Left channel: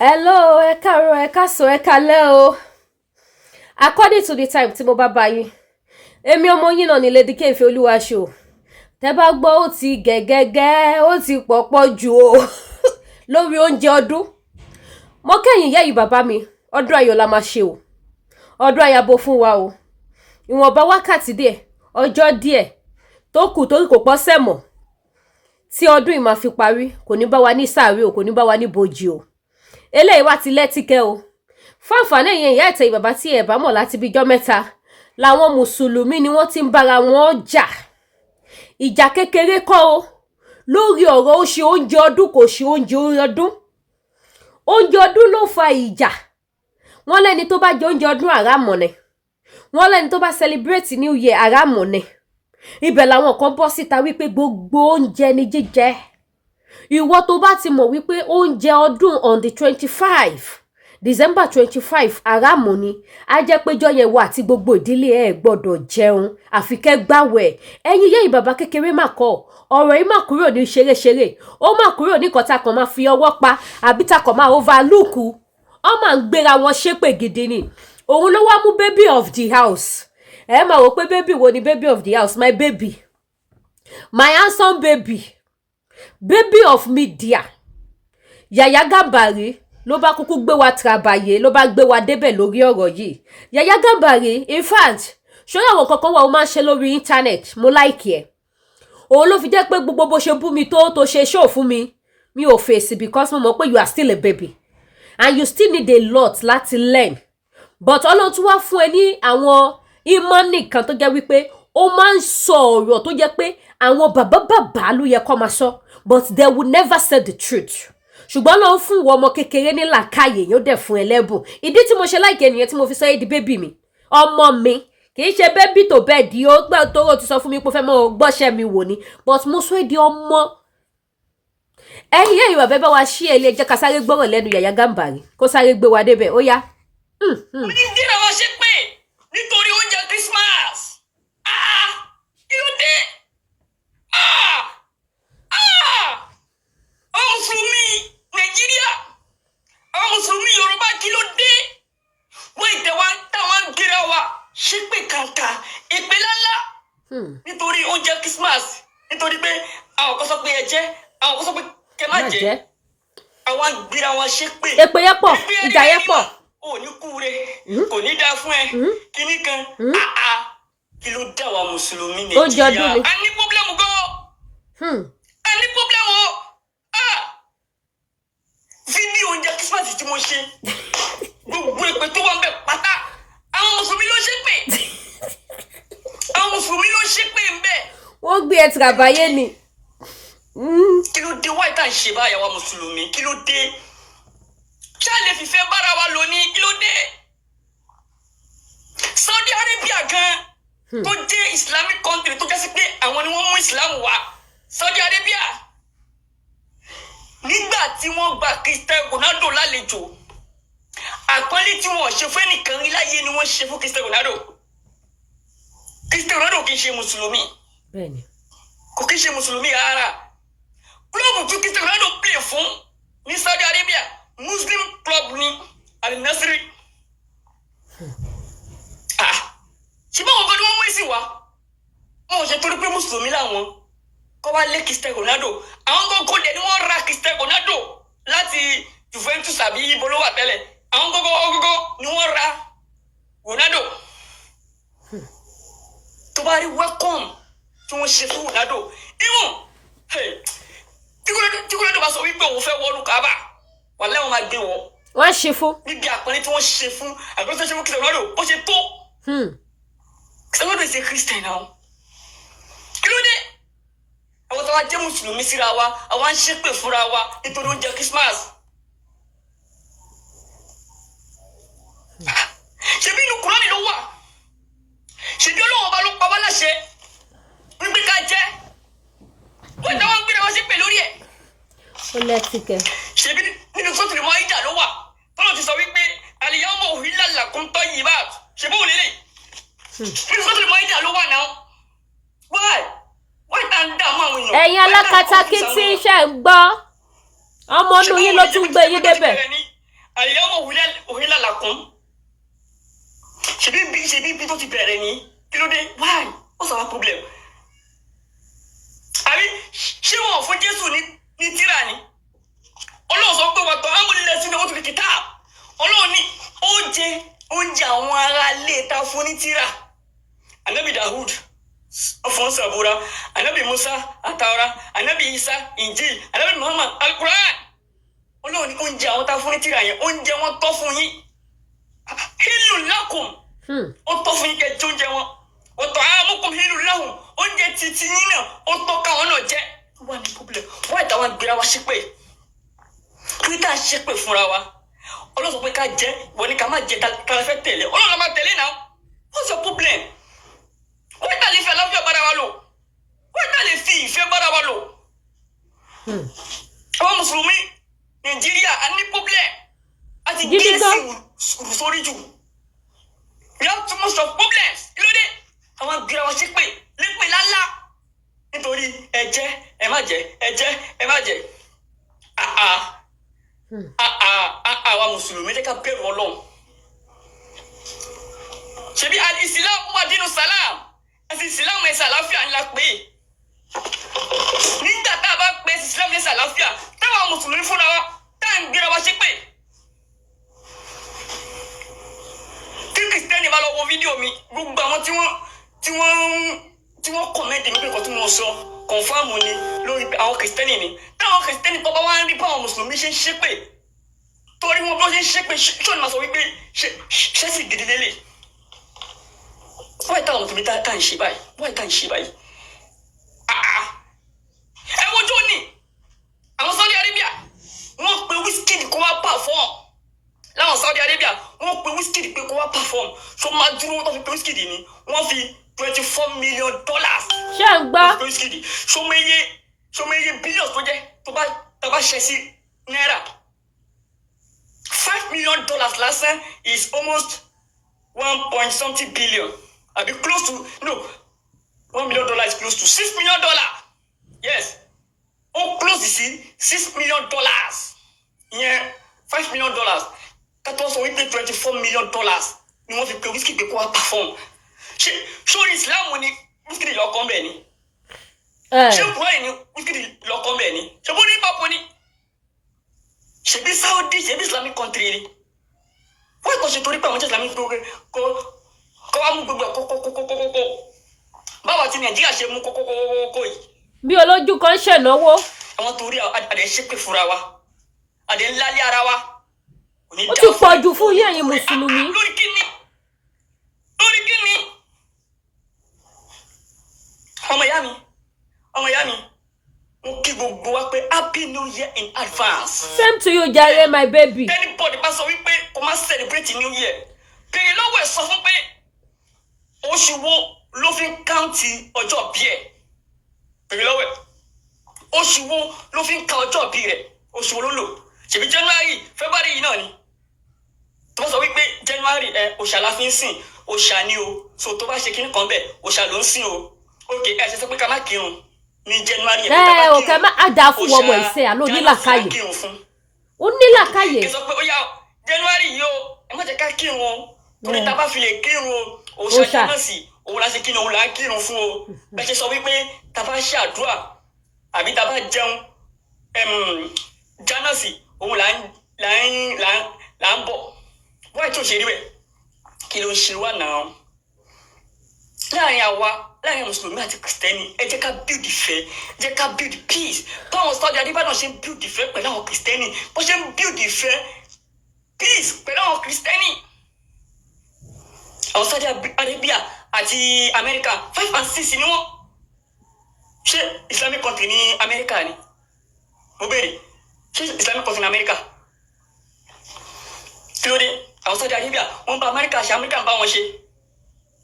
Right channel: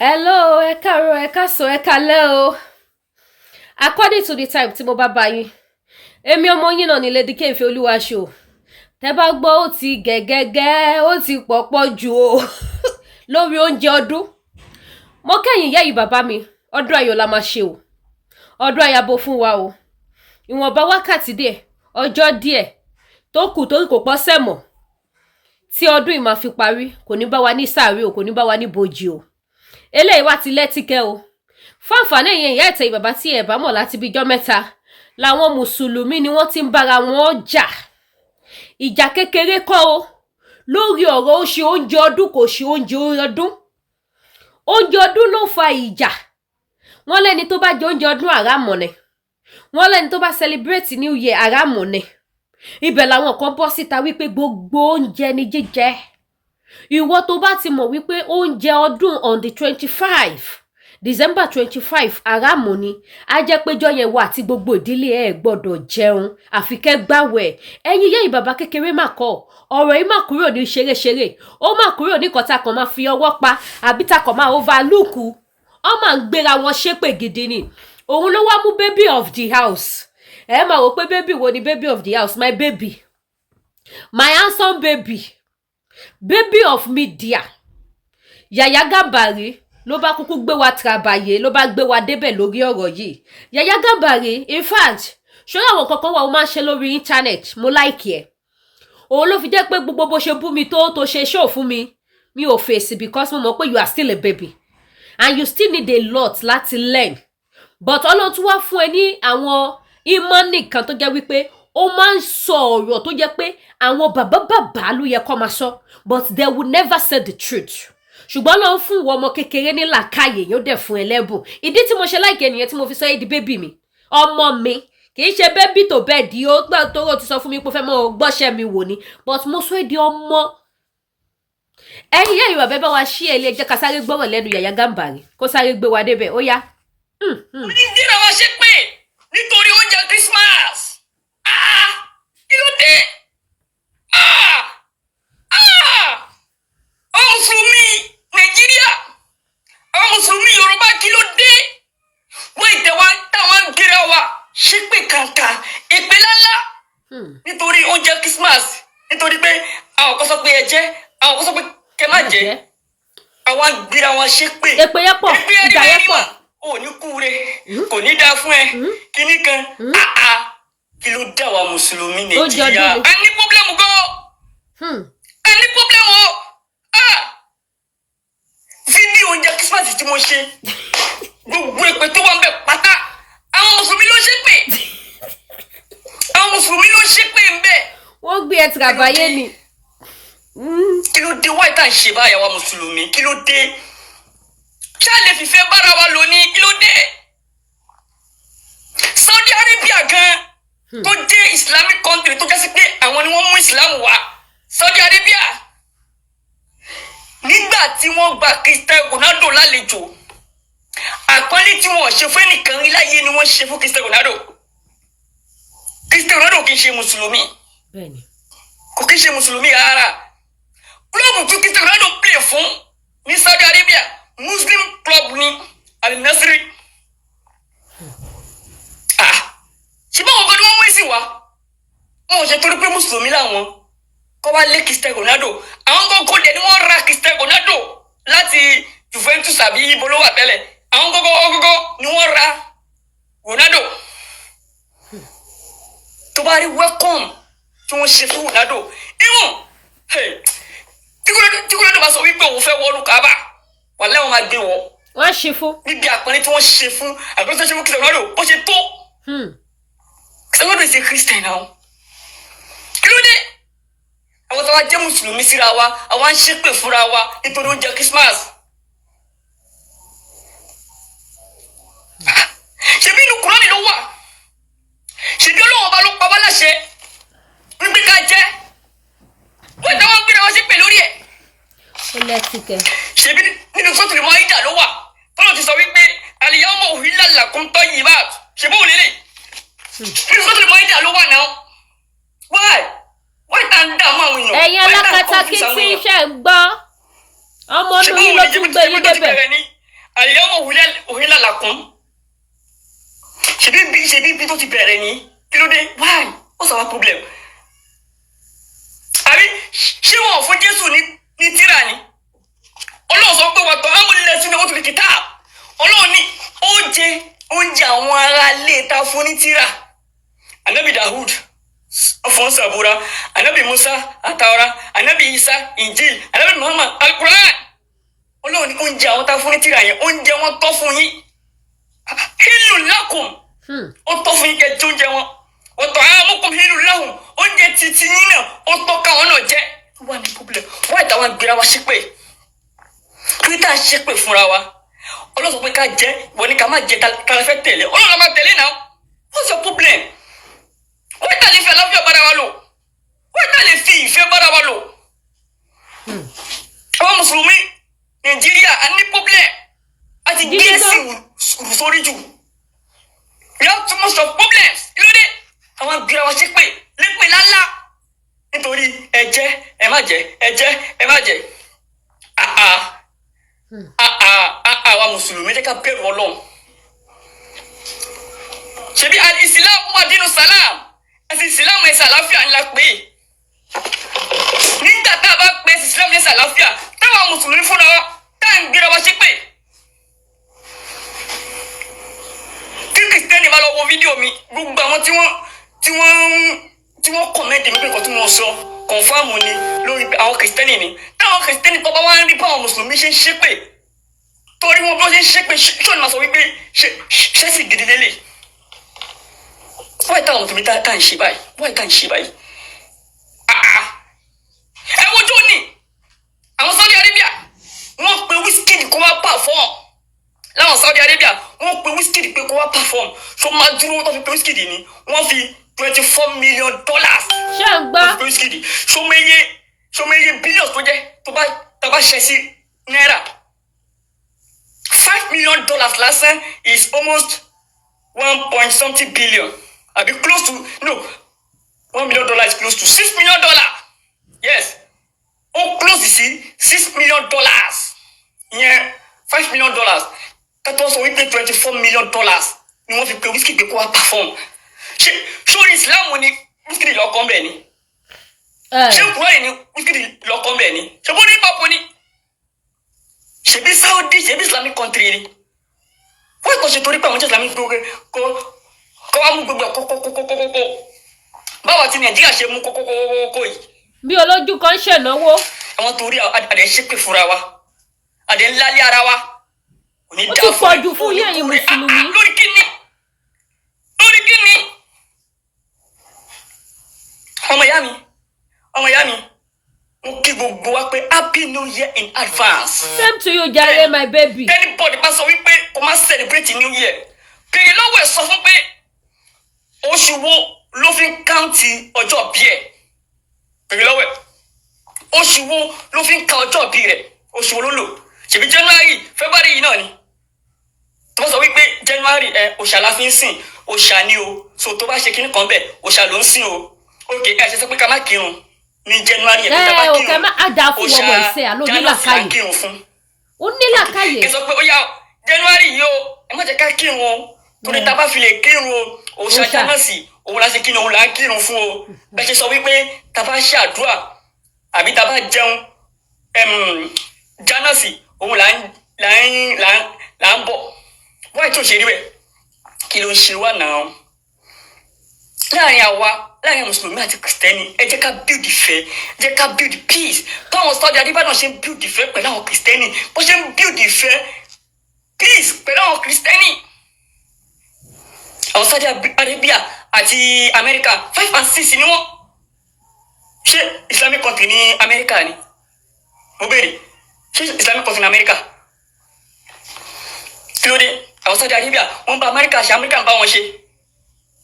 Hello, ẹ káàárọ̀, ẹ káàsán, ẹ káalẹ́ o. According to the time tí mo bá bá yín, èmi ọmọ yín náà ni Lady Kẹ́hìnfẹ́ Olúwaṣọ. Tẹ́ bá gbọ́ ó ti gẹ́gẹ́gẹ́, ó ti pọ̀pọ̀ jù o lórí oúnjẹ ọdún. Mo kẹ́yìn yẹ́yìn bàbá mi, ọdún ayọ̀ la máa ṣe o. Ọdún ayabo fún wa o. Ìwọ̀nba wákàtí díẹ̀, ọjọ́ díẹ̀ tó kù torí kò pọ̀ sẹ́mọ̀. Tí ọdún yìí máa fi parí, kò ní bá wa ní sàárè o, kò ní bá wa ní bòjì o. Eléyìí wá ti lẹ́tíkẹ́ o. Fún àǹfààní ẹ̀yin ìyá ìtẹ̀yìn bàbá tí ẹ bá mọ̀ láti bí ijọ́ mẹ́ta, làwọn mùsùlùmí ni wọ́n ti ń bára wọn jà. Ìjà kékeré kọ́ o. Lórí ọ̀rọ̀ ó ṣe oúnjẹ ọdún kò ṣe oúnjẹ ọdún. Oúnjẹ ọdún ló fa ìjà. Wọ́n lẹ́ni tó bá jẹ oúnjẹ ọdún àràmọ̀ ni. Wọ́n lẹ́ni tó bá celebrate New Year àràmọ̀ ni. Ibẹ̀ làwọn kan bọ́ síta wípé gbogbo oúnjẹ ni jíjẹ. Ìwọ tó bá ti mọ̀ wípé oúnjẹ ọdún on the 25 December 25 àràmọ̀ ni, á jẹ́ péjọ yẹn wà tí gbogbo ìdílé ẹ̀ gbọ́dọ̀ jẹun àfi kẹ́ gbàwẹ̀. Ẹ̀yin yẹ́yìn bàbá kékeré mà kọ́ ọ̀rọ̀ yìí mà kúrò ní ṣeréṣeré, ó mà kúrò ní kọ́ta kan máa fi ọwọ́ pa àbí ta kan máa overlook. Ó máa ń gbéra wọn ṣépè gidi ni. Òun ló wá mú baby of the house. Ẹ máa wò pé baby wo ni baby of the house? My baby, my handsome baby of media, Yaya Gambari ló bá kúkú gbé wa trabayé, ló bá gbé wa débẹ̀ lórí ọ̀rọ̀ yìí. Yaya Gambari, in fact, ṣé àwọn kankan wà ó máa ń ṣe lórí internet, mo like ẹ̀. Òun ló fi jẹ́ pé gbogbo bó ṣe bú mi tó ṣe show fún mi, mi ò fèsì because mo mọ̀ pé you are still a baby and you still need a lot láti learn. But Ọlọ́run tún wá fún ẹ ní àwọn ìmọ̀nì kan tó jẹ́ wípé ó máa ń sọ ọ̀rọ̀ tó jẹ́ pé àwọn bàbá ló yẹ kó máa sọ, but they will never say the truth. Ṣùgbọ́n ló ń fún ìwọ ọmọ kékeré ní làákàyè yóò dẹ̀ fún ẹlẹ́bùn. Ìdí tí mo ṣe like ẹnìyẹn tí mo fi sọ ẹ́ di bébì mi. Ọmọ mi kì í ṣe bébì tó bẹ́ẹ̀ di ó gbà tó ti sọ fún mi pé fẹ́ mọ́ gbọ́ṣẹ́ mi wò ni, but mo sọ ẹ́ di ọmọ. Ẹ̀yin ìwà bẹ́ẹ̀ bá wa ṣí ẹ ilé ẹjẹ́ ká sáré gbọ́rọ̀ lẹ́nu Yaya Gambari kó sáré gbé wa débẹ̀ ó yá. Onídìrí àwọn ṣe pé nítorí oúnjẹ Christmas. Kí ló dé? Àwọn Mùsùlùmí Nàìjíríà, àwọn Mùsùlùmí Yorùbá kí ló dé? Wọ́n ìtẹ̀wá táwọn gíra wa ṣépè kàǹkà èpè lálá nítorí oúnjẹ Christmas. Nítorí pé àwọn kan sọ pé ẹ jẹ, àwọn kan sọ pé kẹ má jẹ. Àwọn gíra wọn ṣépè. Èpè yẹn pọ̀, ìjà yẹn pọ̀. Ò ní kúre, kò ní dáa fún ẹ. Kíní kan, kí ló dá wa Mùsùlùmí Nàìjíríà? A ní pọ́blẹ́mù gan. A ní pọ́blẹ́mù o. Fídíò oúnjẹ Christmas tí mo ṣe, gbogbo èpè tó wà ń bẹ pátá, àwọn Mùsùlùmí ló ṣépè. Àwọn Mùsùlùmí ló ṣépè ń bẹ. Wọ́n gbé ẹ tìràbáyé ni. Kí ló dé wáyé tá à ń ṣe báyà wa Mùsùlùmí? Kí ló dé? Ṣá lè fìfẹ́ bára wa lò ní? Kí ló dé? Saudi Arabia gan tó jẹ́ Islamic country tó jẹ́ sí pé àwọn ni wọ́n mú Islam wá. Saudi Arabia nígbà tí wọ́n gba Cristiano Ronaldo lálejò, àpọ́nlé tí wọ́n ṣe fún ẹnìkan rí láyé ni wọ́n ṣe fún Cristiano Ronaldo. Cristiano Ronaldo kì í ṣe Mùsùlùmí. Bẹ́ẹ̀ni. Kò kì í ṣe Mùsùlùmí rárá. Klọ́ọ̀bù tí Cristiano Ronaldo play fún ní Saudi Arabia, Muslim club ni Al-Nassr. Ṣé báwọn kan ni wọ́n mú èsì wá? Wọ́n ò ṣe torí pé Mùsùlùmí làwọn kọ́ wá lé Cristiano Ronaldo. Àwọn kọ́kọ́ dẹ̀ ni wọ́n ra Cristiano Ronaldo láti Juventus àbí ibo ló wà tẹ́lẹ̀. Àwọn kọ́kọ́ ni wọ́n ra Ronaldo. Tó bá rí welcome tí wọ́n ṣe fún Ronaldo. Tí Ronaldo bá sọ wípé òun fẹ́ wọnú Kaaba, wàlẹ́ wọn máa gbé wọ. Wọ́n ṣe fún. Níbi àpọ́nlé tí wọ́n ṣe fún àgbẹ̀tọ́ ṣe fún Cristiano Ronaldo, ó ṣe tó. Cristiano Ronaldo ṣe Christian náà. Kí ló dé? Àwọn tó wá jẹ́ Mùsùlùmí síra wa, àwọn ń ṣépè fúnra wa nítorí oúnjẹ Christmas. Ṣebí inú Kùránì ló wà. Ṣebí Ọlọ́run ọba ló pa wá láṣẹ wípé ká jẹ. Wọ́n táwọn gbéra wá ṣépè lórí ẹ̀. Ó lẹ́tìkẹ́. Ṣebí nínú Suratul Maida ló wà. Tọ́lọ̀ ti sọ wípé al-yawma uhilla lakum tayyibat. Ṣebí òun lélẹ̀. Nínú Suratul Maida ló wà náà. Why tá ń dààmú àwọn èèyàn? Ẹ̀yin alákatakí tí iṣẹ́ ń gbọ́. Ọmọ inú yín ló tún gbé yín débẹ̀. àlìyáwó òhìnlá làkún ṣebí bí tó ti bẹ̀rẹ̀ ní kí ló dé why what's our problem àbí ṣé wọn fún Jésù ní tírà ni Ọlọ́run sọ pé wàtò amúlẹ̀ sínú wọn tó fi kìtà Ọlọ́run ní oúnjẹ àwọn ará ilé ta fún ní tírà Ànábì Dahud ọfọn sàbúrà Ànábì Musa àtàwárà Ànábì Isa Injil Ànábì Muhammad Al-Quran Ọlọ́run ní oúnjẹ àwọn ta fún ní tírà yẹn oúnjẹ wọn tọ́ fún yín hílù lákùn ó tọ́ fún yín kẹ́ oúnjẹ wọn ọ̀tọ̀ àmúkùn hílù láhùn oúnjẹ títí yín náà ó tọ́ káwọn náà jẹ́ wà ní problem wà ìtàwọn gbéra wa ṣépè twitter ṣépè fúnra wa Ọlọ́run sọ pé ká jẹ wọ́n ní ká má jẹ ká fẹ́ tẹ̀lé Ọlọ́run máa tẹ̀lé náà what's your problem wọ́n ìtà lè fi àlàáfíà bára wa lò wọ́n ìtà lè fi ìfẹ́ bára wa lò àwọn mùsùlùmí Nàìjíríà a ní problem àti gíìsì sórí jù we have too much of problems kí ló dé àwọn gbéra wa ṣépè lépè lálá nítorí ẹ̀jẹ̀ ẹ má jẹ ẹ̀jẹ̀ ẹ má jẹ àwa mùsùlùmí jẹ́ ká bẹ̀rù Ọlọ́run ṣebí al-Islam madinu salam ẹ̀sìn Islam ẹ̀sìn àlàáfíà ńlá pé nígbà tá a bá pè ẹ̀sìn Islam ẹ̀sìn àlàáfíà táwọn mùsùlùmí fúnra wa tá à ń gbéra wa ṣépè kí kìrìsìtẹ́nì bá lọ wo fídíò mi gbogbo àwọn tí wọ́n kọ̀mẹ́ntì mi pé nǹkan tí wọ́n sọ kọ̀ǹfàmù ni lórí àwọn kìrìsìtẹ́nì ni táwọn kìrìsìtẹ́nì tó bá wá ń rí báwọn mùsùlùmí ṣe ń ṣépè torí wọn bó ṣe ń ṣépè ṣọ́ọ̀nù máa sọ wípé ṣẹ́sì gidi lélẹ̀ wáyé táwọn mùsùlùmí tá ń ṣe báyìí wáyé tá ń ṣe báyìí ẹ wojú ni àwọn Saudi Arabia wọ́n pe Wizkid kó wá perform láwọn Saudi Arabia wọ́n pe Wizkid pé kó wá perform so máa dúró tó fi pe Wizkid ni wọ́n fi $24 million. ṣé ń gbọ́. Wizkid ṣọmọye billions tó jẹ́ tó bá ṣe sí náírà $5 million lásán is almost 1 billion àbí close to no $1 million is close to $6 million. Yes ó close sí $6 million ìyẹn $5 million kátó sọ wípé $24 million ni wọ́n fi pe Wizkid pé kó wá perform ṣé sórí Islam ni Wizkid lọ́kọ́ bẹ́ẹ̀ ni ṣé kúrò ní Wizkid lọ́kọ́ bẹ́ẹ̀ ni ṣé bó ní papọ̀ ni ṣebí Saudi ṣebí Islamic country ni wọ́n ìkọ̀ ṣe torí pé àwọn Islamic kó wá mú gbogbo kókókókókókó báwa ti Nàìjíríà ṣe mú kókókókókó yìí. bí olójú kan ṣènáwó. àwọn torí àdé ṣépè fúnra wa àdé ńlálé ara wa. ó ti pọ̀jù fún yín ẹ̀yin mùsùlùmí. lórí kíni ọmọ ìyá mi mo kí gbogbo wa pé happy new year in advance. Same to you jare my baby. Anybody bá sọ wípé kó má celebrate new year kèye lọ́wọ́ ẹ̀ sọ fún pé oṣù wo ló fi ń káùntì ọjọ́ bí ẹ̀ kèye lọ́wọ́ ẹ̀ oṣù wo ló fi ń ka ọjọ́ bí rẹ̀ oṣù wo ló lò ṣèbí January February yìí náà ni tó bá sọ wípé January òṣà la fi ń sìn òṣà ni o so tó bá ṣe kíní kan bẹ́ẹ̀ òṣà ló ń sìn o ok ẹ ṣe sọ pé ká má kírun ní January yẹn ká má kírun òkè má àdá fún ọmọ ìṣe àlọ́ nílàkàyè ó nílàkàyè. ẹ sọ pé ó yá January yìí o ẹ má jẹ́ ká kírun o torí tá a bá fi lè kírun o òṣà jánàsì òun la ṣe kírun òun là ń kírun fún o bẹ́ẹ̀ ṣe sọ wípé tá a bá ṣe àdúrà àbí tá a bá jẹun jánàsì òun là ń bọ̀ wáyé tó ṣe rí bẹ́ẹ̀ kí ló ń ṣe wá náà láàrin mùsùlùmí àti kìrìsìtẹ́nì ẹ jẹ́ ká build ìfẹ́ ẹ jẹ́ ká build peace báwọn Saudi Adébáyọ̀ ṣe ń build ìfẹ́ pẹ̀lú àwọn kìrìsìtẹ́nì bó ṣe ń build ìfẹ́ peace pẹ̀lú àwọn kìrìsìtẹ́nì àwọn Saudi Arabia àti America 5 and 6 ni wọ́n ṣé Islamic country ní America ni mo béèrè ṣé Islamic country ní America kí ló dé àwọn Saudi Arabia wọ́n bá America ṣe America ń bá wọn ṣe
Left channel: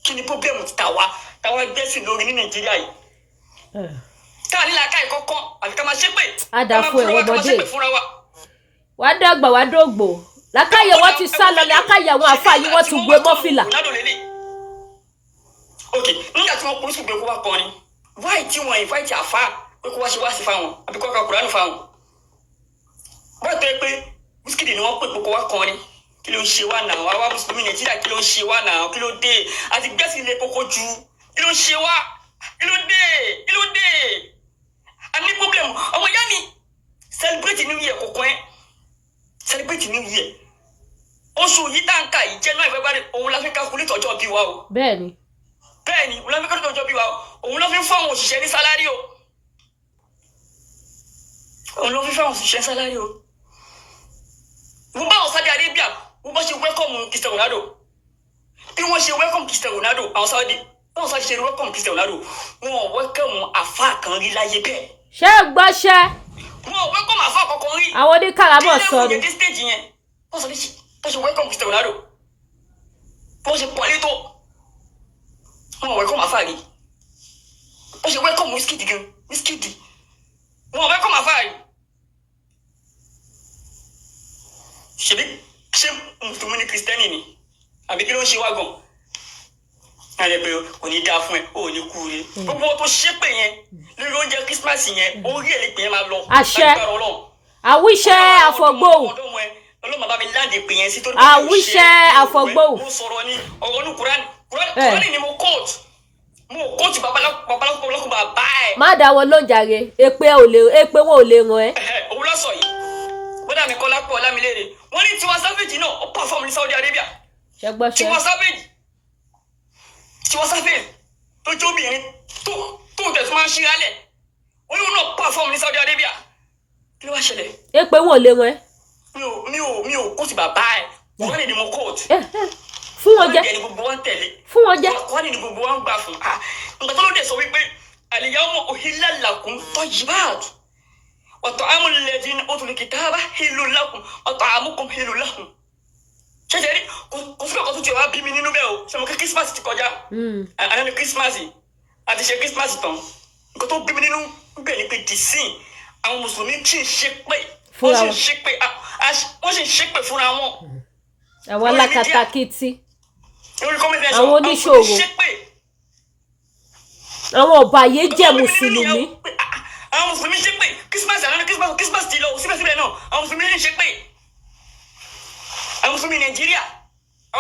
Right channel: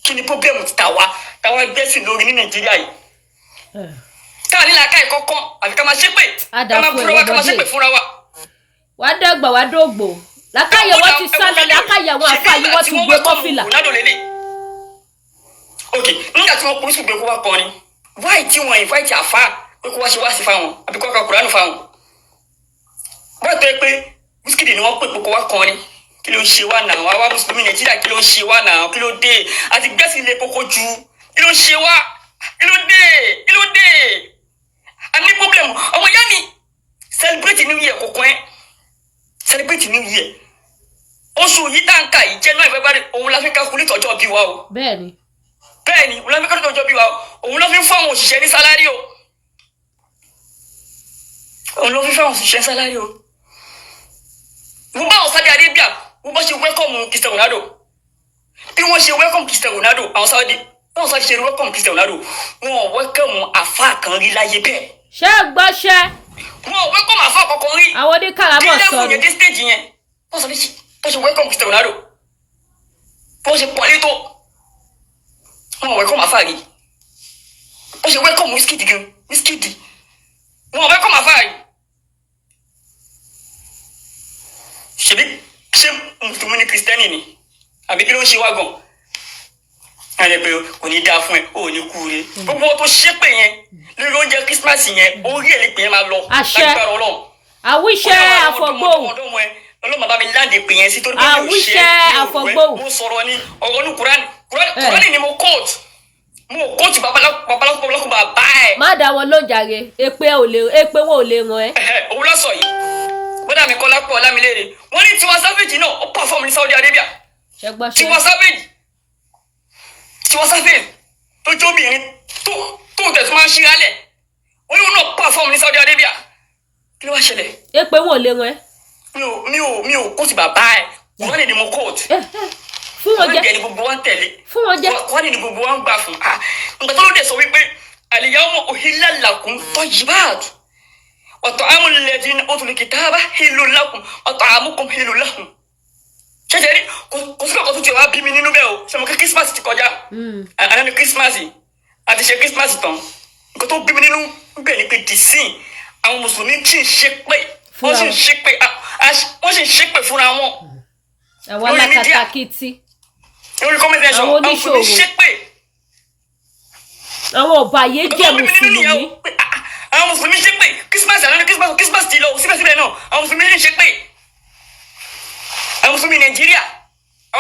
kí ni problem ti táwa gbẹ́sìn lórí ní Nàìjíríà yìí táwa nílà ká ẹ̀kọ́ kan àfi ká máa ṣépè àdàfo ẹ̀wọ̀n bọ́dé wà á dàgbà wà á dògbò lákàyè wọ́n ti sá lọ lákàyè àwọn àfáàyè wọ́n ti gbé mọ́fìlà. ok nígbà tí wọ́n polisi gbé kó wá kọrin wáyé tí wọ́n invite àfá pé kó wá ṣe wá sí fáwọn àbí kó ká Kùránì fáwọn wọ́n tẹ́ pé Wizkid ni wọ́n pè kókó wá kọrin kí ló ń ṣe wá náà wá mùsùlùmí Nàìjíríà kí ló ń ṣe wá náà kí ló dé àti gbẹ́sì ilé kókó ju kí ló ń ṣe wá kí ló dé a ní problem ọmọ ìyá mi celebrate new year kókó ẹ celebrate new year oṣù yìí tá ń kà yìí January February òun la fi calculate ọjọ́ bí wa o. bẹ́ẹ̀ni òun la fi calculate ọjọ́ bí wa o òun ló fi fún àwọn òṣìṣẹ́ ní sálárì o òun ló fi fún àwọn òṣìṣẹ́ sálárì o. mo bá àwọn Saudi Arabia mo bá ṣe welcome Cristiano Ronaldo bí wọ́n ṣe welcome Cristiano Ronaldo àwọn Saudi wọ́n sọ ṣe welcome Cristiano Ronaldo wọ́n welcome àfáà kan rí láyé bẹ́ẹ̀. ṣé gbọ́ṣẹ́. wọ́n welcome àfáà kankan rí. àwọn oníkàlámọ̀ sọ ni. ní stage yẹn wọ́n sọ bó ṣe welcome Cristiano Ronaldo bó ṣe pọ̀lẹ́ tó wọ́n welcome àfáà rí bó ṣe welcome Wizkid gan Wizkid wọ́n welcome àfáà rí. ṣe mùsùlùmí ni Kristẹni ni àbí kí ló ń ṣe wá gan àyẹ pé kò ní dáa fún ẹ ò ní kú re gbogbo tó ṣépè yẹn lórí oúnjẹ Christmas yẹn orí ẹ̀ lè pè é máa lọ àṣẹ àwíṣẹ́ àfọ̀gbòhùn ọlọ́mọ bá mi láǹdì pè yẹn sí torí àwíṣẹ́ àfọ̀gbòhùn mo sọ̀rọ̀ ní ọ̀rọ̀ ní Kúránì ni mo kóòtù babaláwo bàbá ẹ̀. má dá wọn lóúnjàre èpè wọn ò lè ràn ẹ́. òun lọ sọ yìí bọ́dà mi Kọ́lá pọ̀ Ọlámilédè wọ́n ní Tiwa Savage náà ó pàfọ́ọ̀mù ní Saudi Arabia. Tiwa Savage tó jóbìnrin tó tẹ̀sí máa ń ṣíralẹ̀ wọ́n ní wọn náà pàfọ́ọ̀mù ní Saudi Arabia. kí ló wá ṣẹlẹ̀. èpè wọn ò lè ràn ẹ́. mi ò kóòtù bàbá ẹ̀ wọ́n lè ní mo kóòtù. fún wọn jẹ wọ́n ní gbogbo wọn tẹ̀lé. fún wọn jẹ. wọ́n ní gbogbo wọn gbà fún. nǹkan tó ló dé sọ wípé al-yawma uhilla lakum tayyibat wa ta'amu alladhina utul kitaba hillun lakum wa ta'amukum hillun lahum. ṣẹ̀ṣẹ̀ rí kò sí ọkọ̀ tó ti wá bí mi nínú bẹ́ẹ̀ o ṣe mo kí Christmas ti kọjá àná ni Christmas àti ṣe Christmas tán nǹkan tó bí mi nínú bẹ́ẹ̀ ni pé dìsín àwọn mùsùlùmí tí ń ṣe pé wọ́n sì ń ṣe pé fúnra wọn. àwọn alákatakítí àwọn oníṣòwò àwọn ọ̀bàyéjẹ́ mùsùlùmí. àwọn mùsùlùmí ṣe pé Christmas àná ni Christmas ti lọ síbẹ̀síbẹ̀ náà àwọn mùsùlùmí ṣe pé àwọn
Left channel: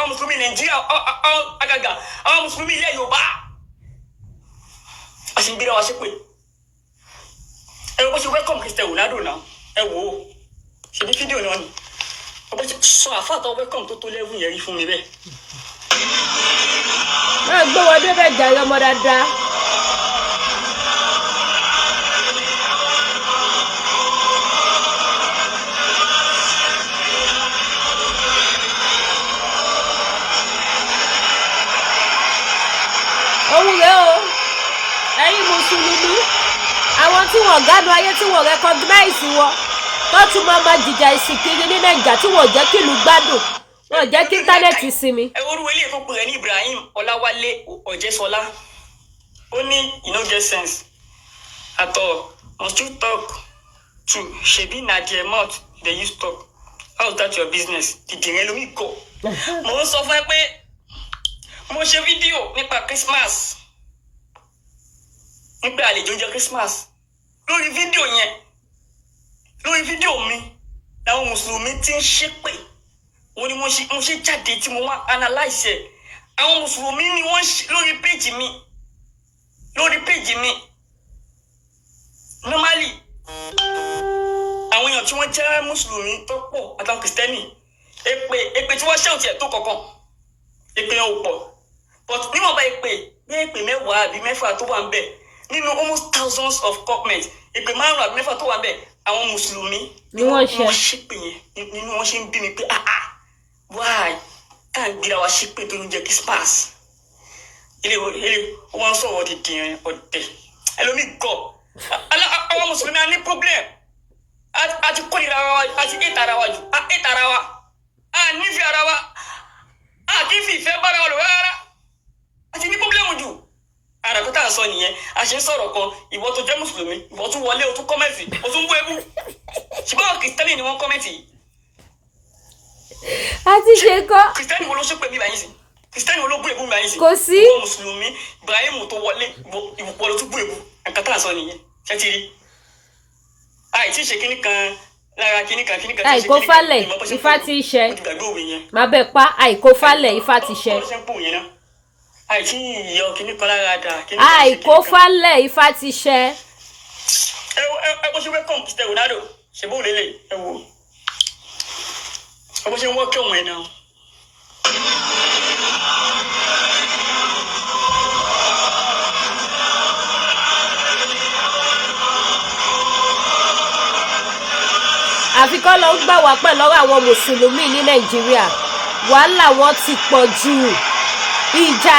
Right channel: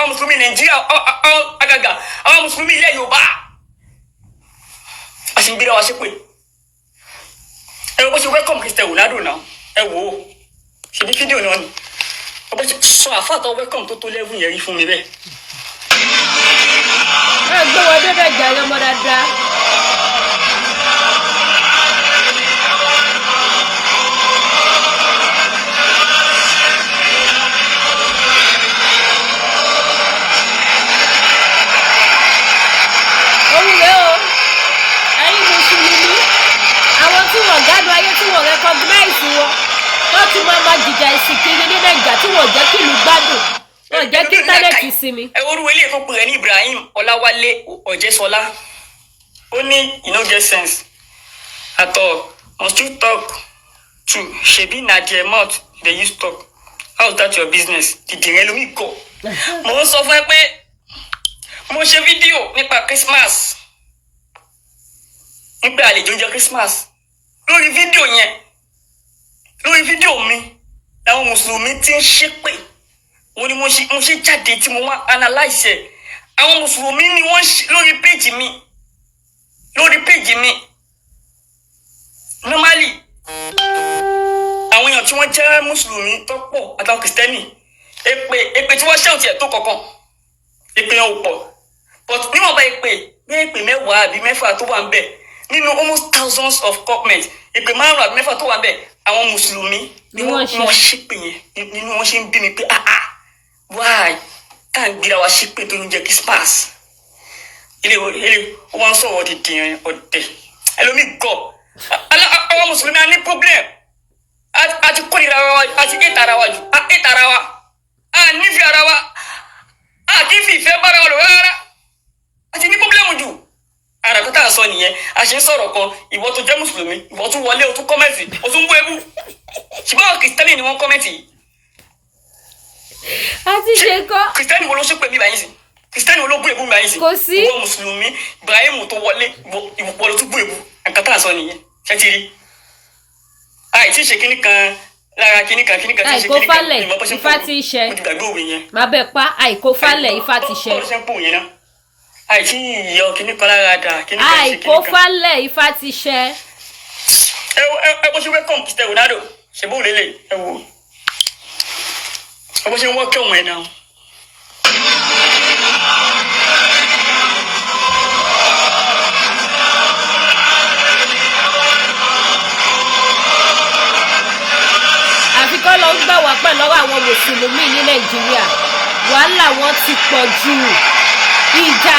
mùsùlùmí Nàìjíríà àgàgà àwọn mùsùlùmí ilẹ̀ Yorùbá a sì ń gbéra wa ṣe pé ẹ wọ́n ṣe welcome Cristiano Ronaldo náà ẹ wò ó ṣe bí fídíò náà ni ọba ṣe sọ àfàtọ̀ welcome tó level yẹn rí fún mi bẹ́ẹ̀. máa gbé wọn débẹ̀ jàre ọmọ dáadáa. òun rèé o ẹ̀yin mùsùlùmí àwọn tí wọ́n gádùn ayé tí wọ́n recognize wọn tó ti máa jìjà ìsìnkiri ní Nàìjíríà tí wọ́n jẹ́ kí ìlú gbádùn wọ́n jẹ́ kí íńtánẹ́ẹ̀tì sinmi. ẹ orúkọ ilé ìfowópamọ́ rẹ̀ ní Ibrahim Ọláwálé Ọ̀jẹ́sọlá ó ní you no get sense at all must you talk to ṣebí na their mouth dey use talk how's that your business dìdìrín lómi gọ. mo ń sọ fún ẹ pé mo ṣe fídíò nípa Christmas nípa àlejò oúnjẹ Christmas lórí fídíò mi làwọn mùsùlùmí ti ń ṣépè wọ́n ní mo ṣe jáde tí mo wá analyse ẹ̀ àwọn mùsùlùmí ni wọ́n lórí péjì mi normally àwọn èèyàn tí wọ́n jẹ́ mùsùlùmí tó pọ̀ àtàwọn kìrìsìtẹ́nì èpè tí wọ́n ṣẹ́ òtí ẹ̀ tó kọ̀ọ̀kan èpè yẹn ò pọ̀ but níwọ̀nba èpè mẹ́wàá àbí mẹ́fà tó wà ń bẹ̀ nínú almost thousands of comments èpè 5 àbí 6 tó wà ń bẹ̀ àwọn mùsùlùmí ni wọ́n ṣépè yẹn nínú wọn ṣe ń bí mi pé why tá à ń gbéra wa ṣépè tó ń jẹ Christmas ilé wọn ń sọ̀rọ̀ di dìrín ọ̀dẹ̀ ẹlòmíì gọ̀ àwọn mùsùlùmí á ní problem àti kórìíra wa àti ètò ara wa jù ètò ara wa nífẹ̀ẹ́ ara wa kì í fi ìfẹ́ bára wa lò rárá àti ní problem jù ara tó tà ń sọ nìyẹn a ṣe ń sọ̀rọ̀ kan ìwọ tó jẹ́ mùsùlùmí ìwọ tún wọlé o tún kọ́mẹ́ǹtì o tún bú ebú ṣùgbọ́n àwọn kìrìsìtẹ́nì ni wọ́n kọ́mẹ́ǹtì yìí. a ti ṣe kọ́. kìrìsìtẹ́nì wo ló ṣépè mí báyìí sí kìrìsìtẹ́nì wo ló bú ebú mi báyìí sí. kò sí. ìwọ mùsùlùmí Ibrahim tó wọlé ìwọ ló tún bú ebú nǹkan tá à ń sọ nìyẹn ṣé ti rí. àìsí ṣe kínní kan lára kíníkà tí àìkó falẹ̀ ifá ti ṣẹ má bẹ pa àìkó falẹ̀ ifá ti ṣẹ àìsí ìyọ kíníkà lára dà àìkó falẹ̀ ifá ti ṣẹ. ẹ bó ṣe welcome Mr. Ronaldo ṣe bó lélẹ̀ ẹ wò ẹ bó ṣe wọ́n kẹ́ ọ̀hún ẹ̀ náà. àfikọ́ lọ ń gbà wá pẹ̀ lọ́wọ́ àwọn mùsùlùmí ní nàìjíríà wàhálà wọn ti pọ̀ jù ìjà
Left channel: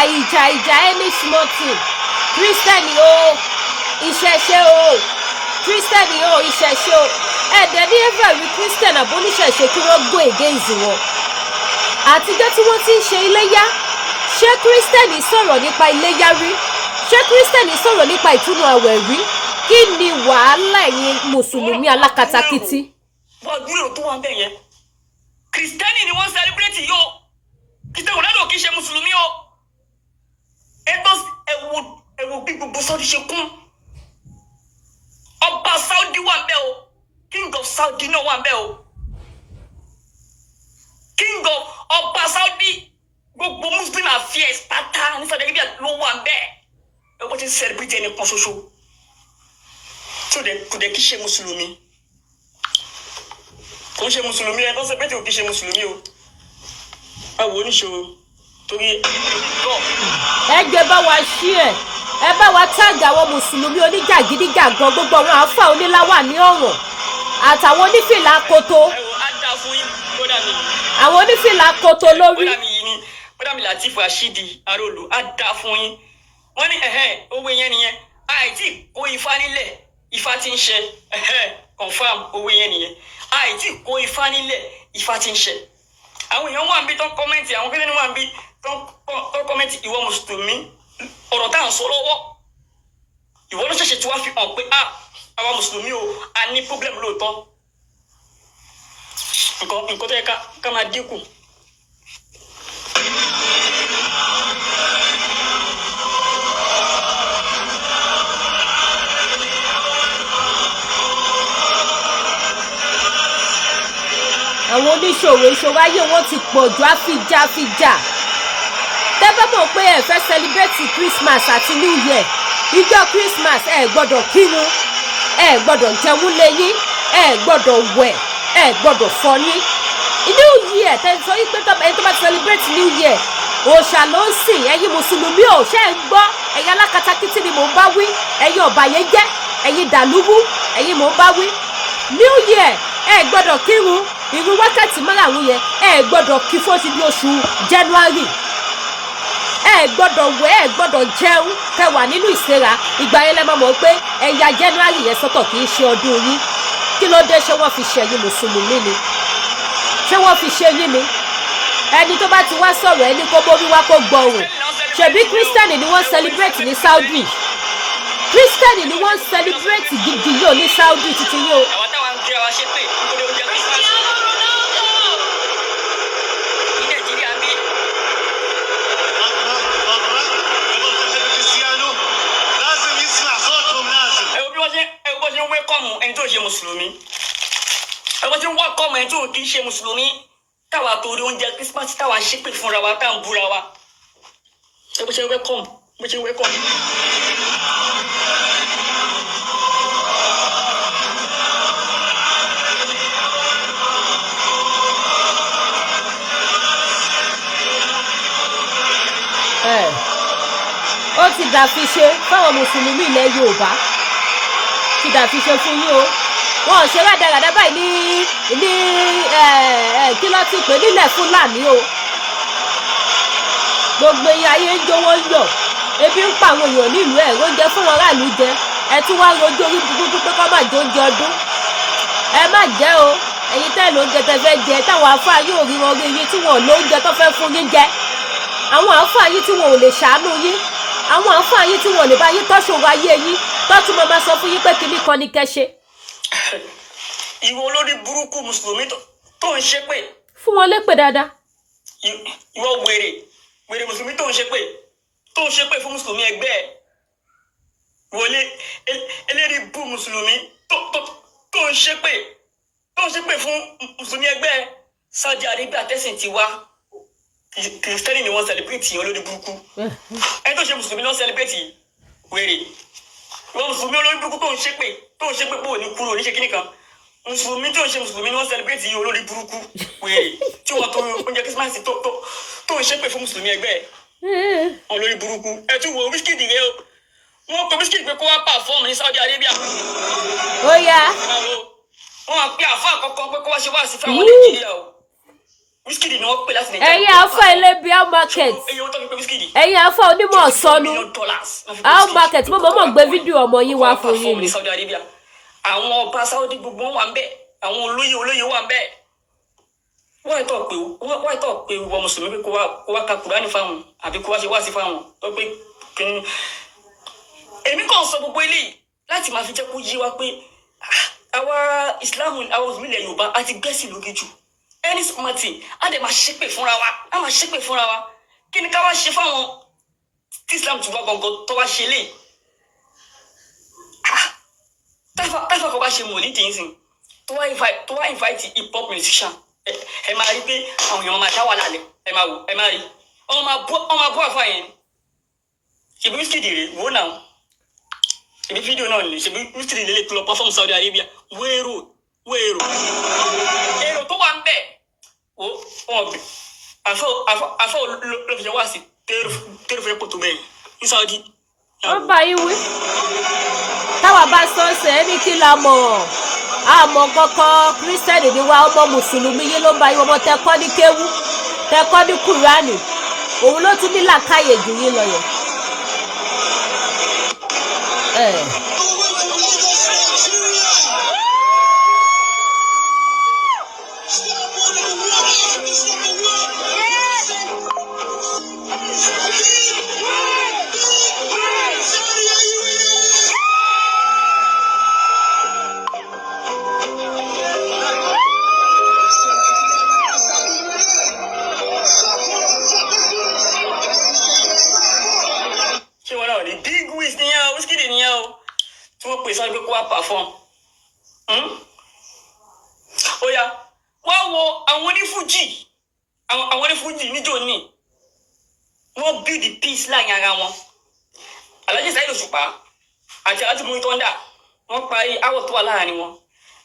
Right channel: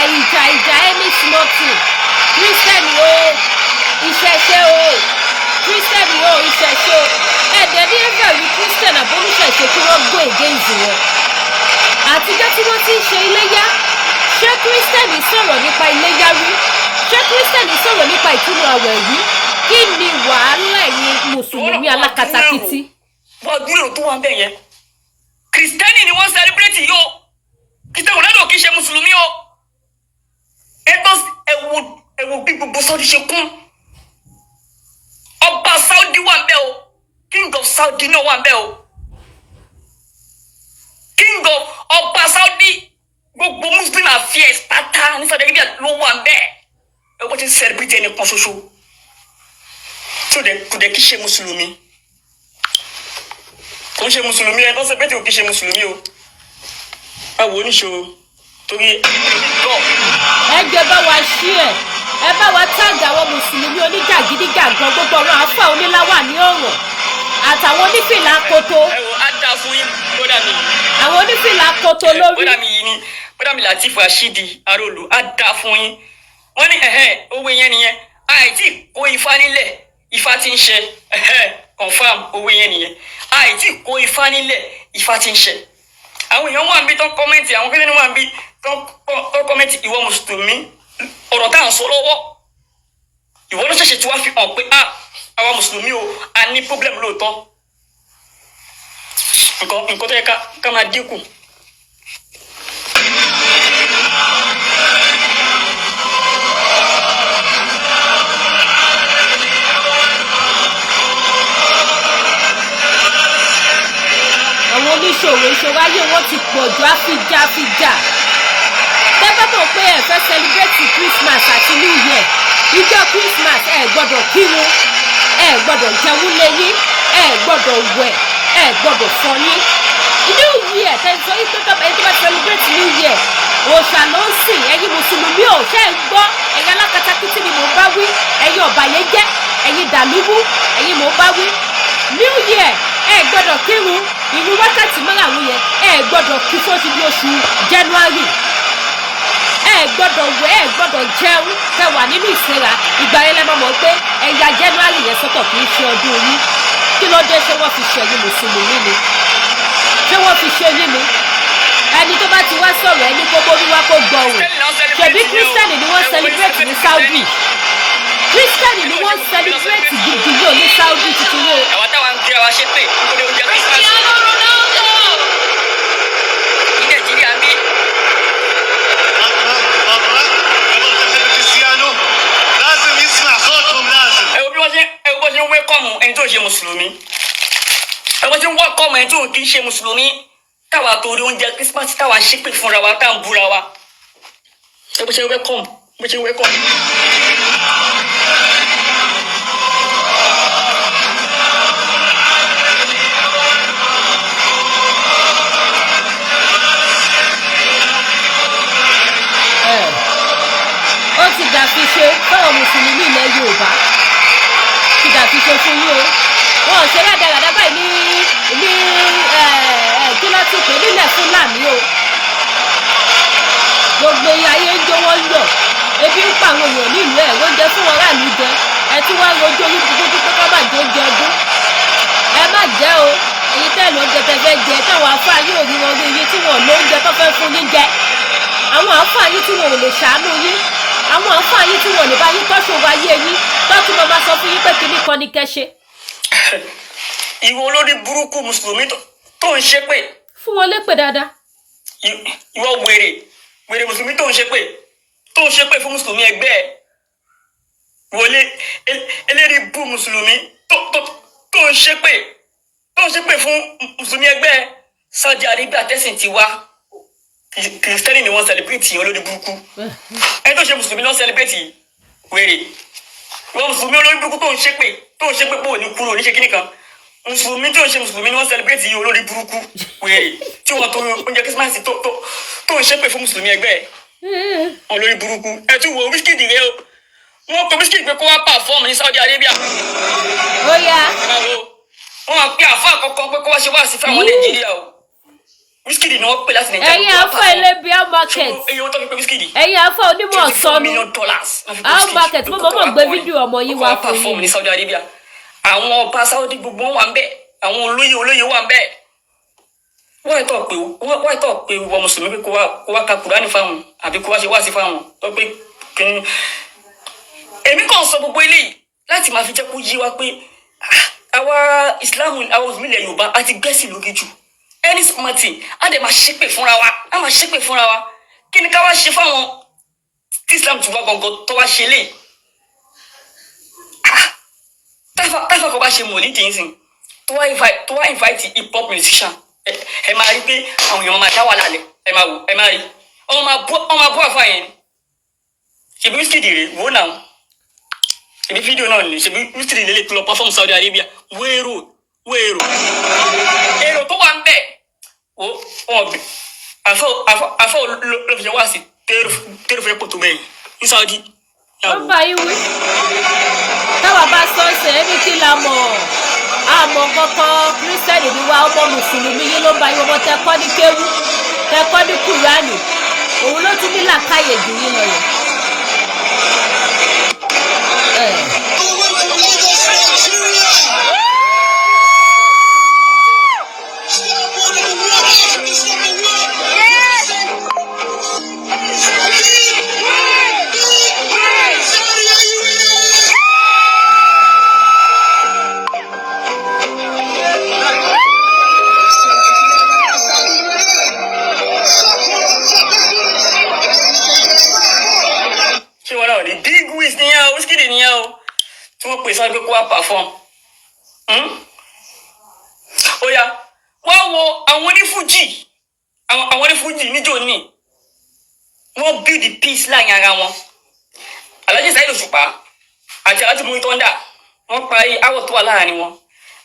any small thing kírísítẹ́nì o ìṣẹ̀ṣe o kírísítẹ́nì o ìṣẹ̀ṣe o ẹ̀ẹ́dẹ̀ ní ẹ̀fẹ̀ rí kírísítẹ́nì àbóníṣẹ̀ṣe kí wọ́n go against wọn. àtijọ́ tí wọ́n ti ń ṣe iléyá ṣé kírísítẹ́nì sọ̀rọ̀ nípa iléyá rí ṣé kírísítẹ́nì sọ̀rọ̀ nípa ìtúnu àwẹ̀ rí kí ni wàhálà ẹ̀yin mùsùlùmí alákatakítí. wọ́n gbúrò tó wọn bẹ́ẹ̀ yẹn kìrìsìtẹ́nì ni wọ́n sẹ́lẹ̀bírẹ́tì yìí o kìrìsìtẹ́nì Ronaldo kì í ṣe mùsùlùmí o ẹ̀wọ̀ bí gbogbo Saudi ṣe kún ọba Saudi wà ń bẹ̀ o king of Saudi náà wà ń bẹ̀ o king of ọba Saudi gbogbo muslim affairs pátá ní Saudi Arabia ló wà ń bẹ̀ ẹ̀wọ̀n ti sẹ́lẹ̀bírẹ́tì ẹni kan ṣoṣo tí kò dẹ̀ kì í ṣe mùsùlùmí. kò ń ṣe mùsùlùmí ẹ kọ́sẹ̀ pé tí kò kí ṣe mùsùlùmí o ẹ wò ó níṣòro torí ẹ jẹ́ bá wa ṣí ẹ bá wa táàgì àwọn mùsùlùmí oníjàgídíjàgan gbogbo ọ̀run àáfà oníláwà ní ọ̀ràn àtàwọn onífìlà koto ẹ wò á dá fún yín bọ́dà mi àwọn onífìlà koto lórí. bọ́dà mi yìí ni bọ́dà mi Latif Rashidi Arolu á dá fún yín wọ́n ní owó yẹn nìyẹn àìtí kó ifá nílẹ̀ ifá ti ń ṣe confam owó yẹn nìyẹn àìtí kó ifá nílẹ̀ ifá ti ń ṣe àwọn èèyàn wà ń bí tó ń kọ́mẹ́ǹtì àwọn kílẹ̀ ní wà ń bí tó ń kọ́mẹ́ǹtì ìwọ mùsùlùmí ọ̀rọ̀ tá à ń sọ lọ́wọ́ ìwọ ló ṣẹ̀ṣẹ̀ tí wàá fi hàn pé àwa mùsùlùmí o a ní pọ́blẹ́mù lóòótọ́ nǹkan tó yẹ ká máa dínkù. àwọn oníṣòwò ìṣòwò ayé wọn ti pọ̀ jù àfijà tẹ́ bá mọ̀ pé ẹ fẹ́ celebrate Christmas àti New Year ìjọ Christmas ẹ gbọ́dọ̀ kírun ẹ gbọ́dọ̀ jẹun lẹ́yìn ẹ gbọ́dọ̀ wẹ̀ ẹ gbọ́dọ̀ fọyín New Year tẹ́ sọ wípé ẹni tó bá celebrate New Year òòṣà ló ń sìn ẹ̀yin mùsùlùmí ò ṣe ń gbọ́ ẹ̀yin alákatakítí ni mò ń bá wí ẹ̀yin ọ̀bàyéjẹ́ ẹ̀yin dàlúwú ẹ̀yin mò ń bá wí New Year ẹ gbọ́dọ̀ kírun ìrun wákàtí márùn-ún yẹn ẹ gbọ́dọ̀ kí fóòtù ní oṣù January ẹ gbọ́dọ̀ wẹ̀ ẹ gbọ́dọ̀ jẹun kẹ́ wà nínú ìsẹ́ra ìgbà yẹn lẹ máa mọ̀ pé ẹ̀yà January yẹn sọ́tọ̀ kì í ṣe ọdún yín kí ló dé ṣé wọ́n fi ṣe ẹ̀yin mùsùlùmí ni ṣé wọ́n fi ṣe yín ni ẹni tó bá ti wá sọ̀rọ̀ ẹni kó borí wá kó gbọ́ òun ṣebí kírísítẹ́nì ni wọ́n celebrate ní Saudi kírísítẹ́nì ni wọ́n celebrate gidi yóò ní Saudi títí yóò. àwọn táwọn ń gbé wa ṣe pé nítorí oúnjẹ Christmas ní Nàìjíríà ń bí. ẹ wo bí wọ́n ṣe ń wẹ́kọ̀mù ẹni tó ń ṣe mùsùlùmí ẹ wọ́n ṣe ń wẹ́kọ̀mù ẹni tó ń kì í ṣe mùsùlùmí táwa torí oúnjẹ Christmas táwa ṣépè fúnra wa tá à ń búra wa ẹ bó ṣe ń wẹ́kọ̀mù bó ṣe ń wẹ́kọ̀mù. ó ti dàfiṣe fáwọn mùsùlùmí ilẹ̀ Yorùbá ti dàfiṣe fún yín o wọn ò ṣe rádaràdá báyìí ní kí ló ti pè nílẹ̀ Fúlàní o gbogbo ayé ń jó wọ́n yọ̀ ebi ń pa àwọn èèyàn nílùú ẹ̀ oúnjẹ fún wọn ráàlú jẹ ẹ tún wá rojú orí burúkú pé kọ́ máa jẹ oúnjẹ ọdún ẹ má jẹ́ o ẹ̀yin tẹ́ lóúnjẹ tẹ́ fẹ́ jẹ táwọn afáà yóò rí wọn rí yín tí wọn ò lóúnjẹ tó fẹ́ fún yín jẹ àwọn àáfàá yín tí wọn ò lè ṣàánú yín àwọn àáfàá yín tí wọn ò lè bá yín tọ́ṣòro ayé yín tó tún máa sọ fún yín pé kinní kan ní kẹ́ ṣe. ìwọ olórí burúkú mùsùlùmí tó ń ṣépè. fún wọn lépè dáadáa. ìwọ wèrè mùsùlùmí tó ń ṣépè fún mùsùlùmí ẹgbẹ́ ẹ̀ wọlé eléri bú mùsùlùmí tó ń ṣépè tó ń ṣépè fún mùsùlùmí ẹgbẹ́ Saudi Arabia tẹ̀sìn ti wá kìrìsìtẹ́nì ni wọ́n celebrate olórí burúkú ẹni tó ṣe mùsùlùmí náà celebrate wèrè ìwọ mùsùlùmí olórí burúkú tó ń ṣépè pé òní kúrò oníṣe kíní kan mùsùlùmí tó ń ṣe mùsùlùmí ni wọ́n celebrate olórí burúkú wèrè tí wọ́n tó oúnjẹ kírísímàsì tó ń ṣépè fún mùsùlùmí ẹgbẹ́ olórí burúkú ẹ tún wo Wizkid rẹ o wọ́n kọ Wizkid pé kó wá perform ní Saudi Arabia. Ó yá. Wọ́n máa pe àfa àkọ́kọ́ pé kó wá ṣe wá sí fáwọn Nàìjíríà o. Wizkid ni wọ́n pè láti Nàìjíríà. Ẹ̀yin Alfa Elebia market. Ẹ̀yin Alfa onímọ̀ sọnù. How market mo mọ̀ gbé fídíò ọmọ yín wá fún yín ni. Àwọn ọba Saudi gbogbo wà ń bẹ̀. Àwọn olóyè wà ń bẹ̀. Wọ́n ìtọ́ pé wọ́n mùsùlùmí pé kó wá ka Kùránì fáwọn àbí kó wá ṣe wá sí fáwọn. Tó pé kìíní. Èmi kàn sọ gbogbo eléyìí láti máa fi jẹ́ kó yé wa pé àwa Islam àwọn òmìnira Yorùbá àti gbẹ́sìn lóge jù. Any smart thing a dẹ̀ máa ṣépè fúnra wa kí ni ká wá ṣe fáwọn tí Islam ti wá gbọ̀ngàn tó wá ṣe lé táfà kọ́ bá ṣe mọ̀ ní tìǹsìn tó wá invite hip hop musician ẹ máa rí pé àwọn èèyàn máa dá wà lálẹ́ ẹ máa rí ọmọ máa bọ́ àfa yẹn ṣèbí Wizkid rè wò náà ṣèbí fídíò náà ni ṣèbí Wizkid lè lè lọ perform Saudi Arabia wéèrò èrò tó wà ń bẹ̀ wọ́n bí àfọ olófin wá sí tẹ́rù fẹ́ pọ̀ tó bẹ́ẹ̀ ní Saudi. Wọ́n bá yín wí. Táwa bá sọ́ọ̀sẹ̀ ẹni kí la mọ̀ àmọ́ kọ́kọ́ kírísítẹ́nì ni wá ọmọ mùsùlùmí yín ló ń bá yín ọmọ tẹ́kọ́ ní kéwú tẹ́kọ́ ní Kùránì òun ló tún ní làákàyè jù yín lọ yẹn. Sọ pé kó wá perform ó yá wá wo àwọn onífújì níjó ní wọ́n build the peace láàrin ara wọn. Alhaji Saheed Òṣùpá àti Alhaji Muri Thunder wọ́n parí áwọ̀ tó wà láàrin wọn.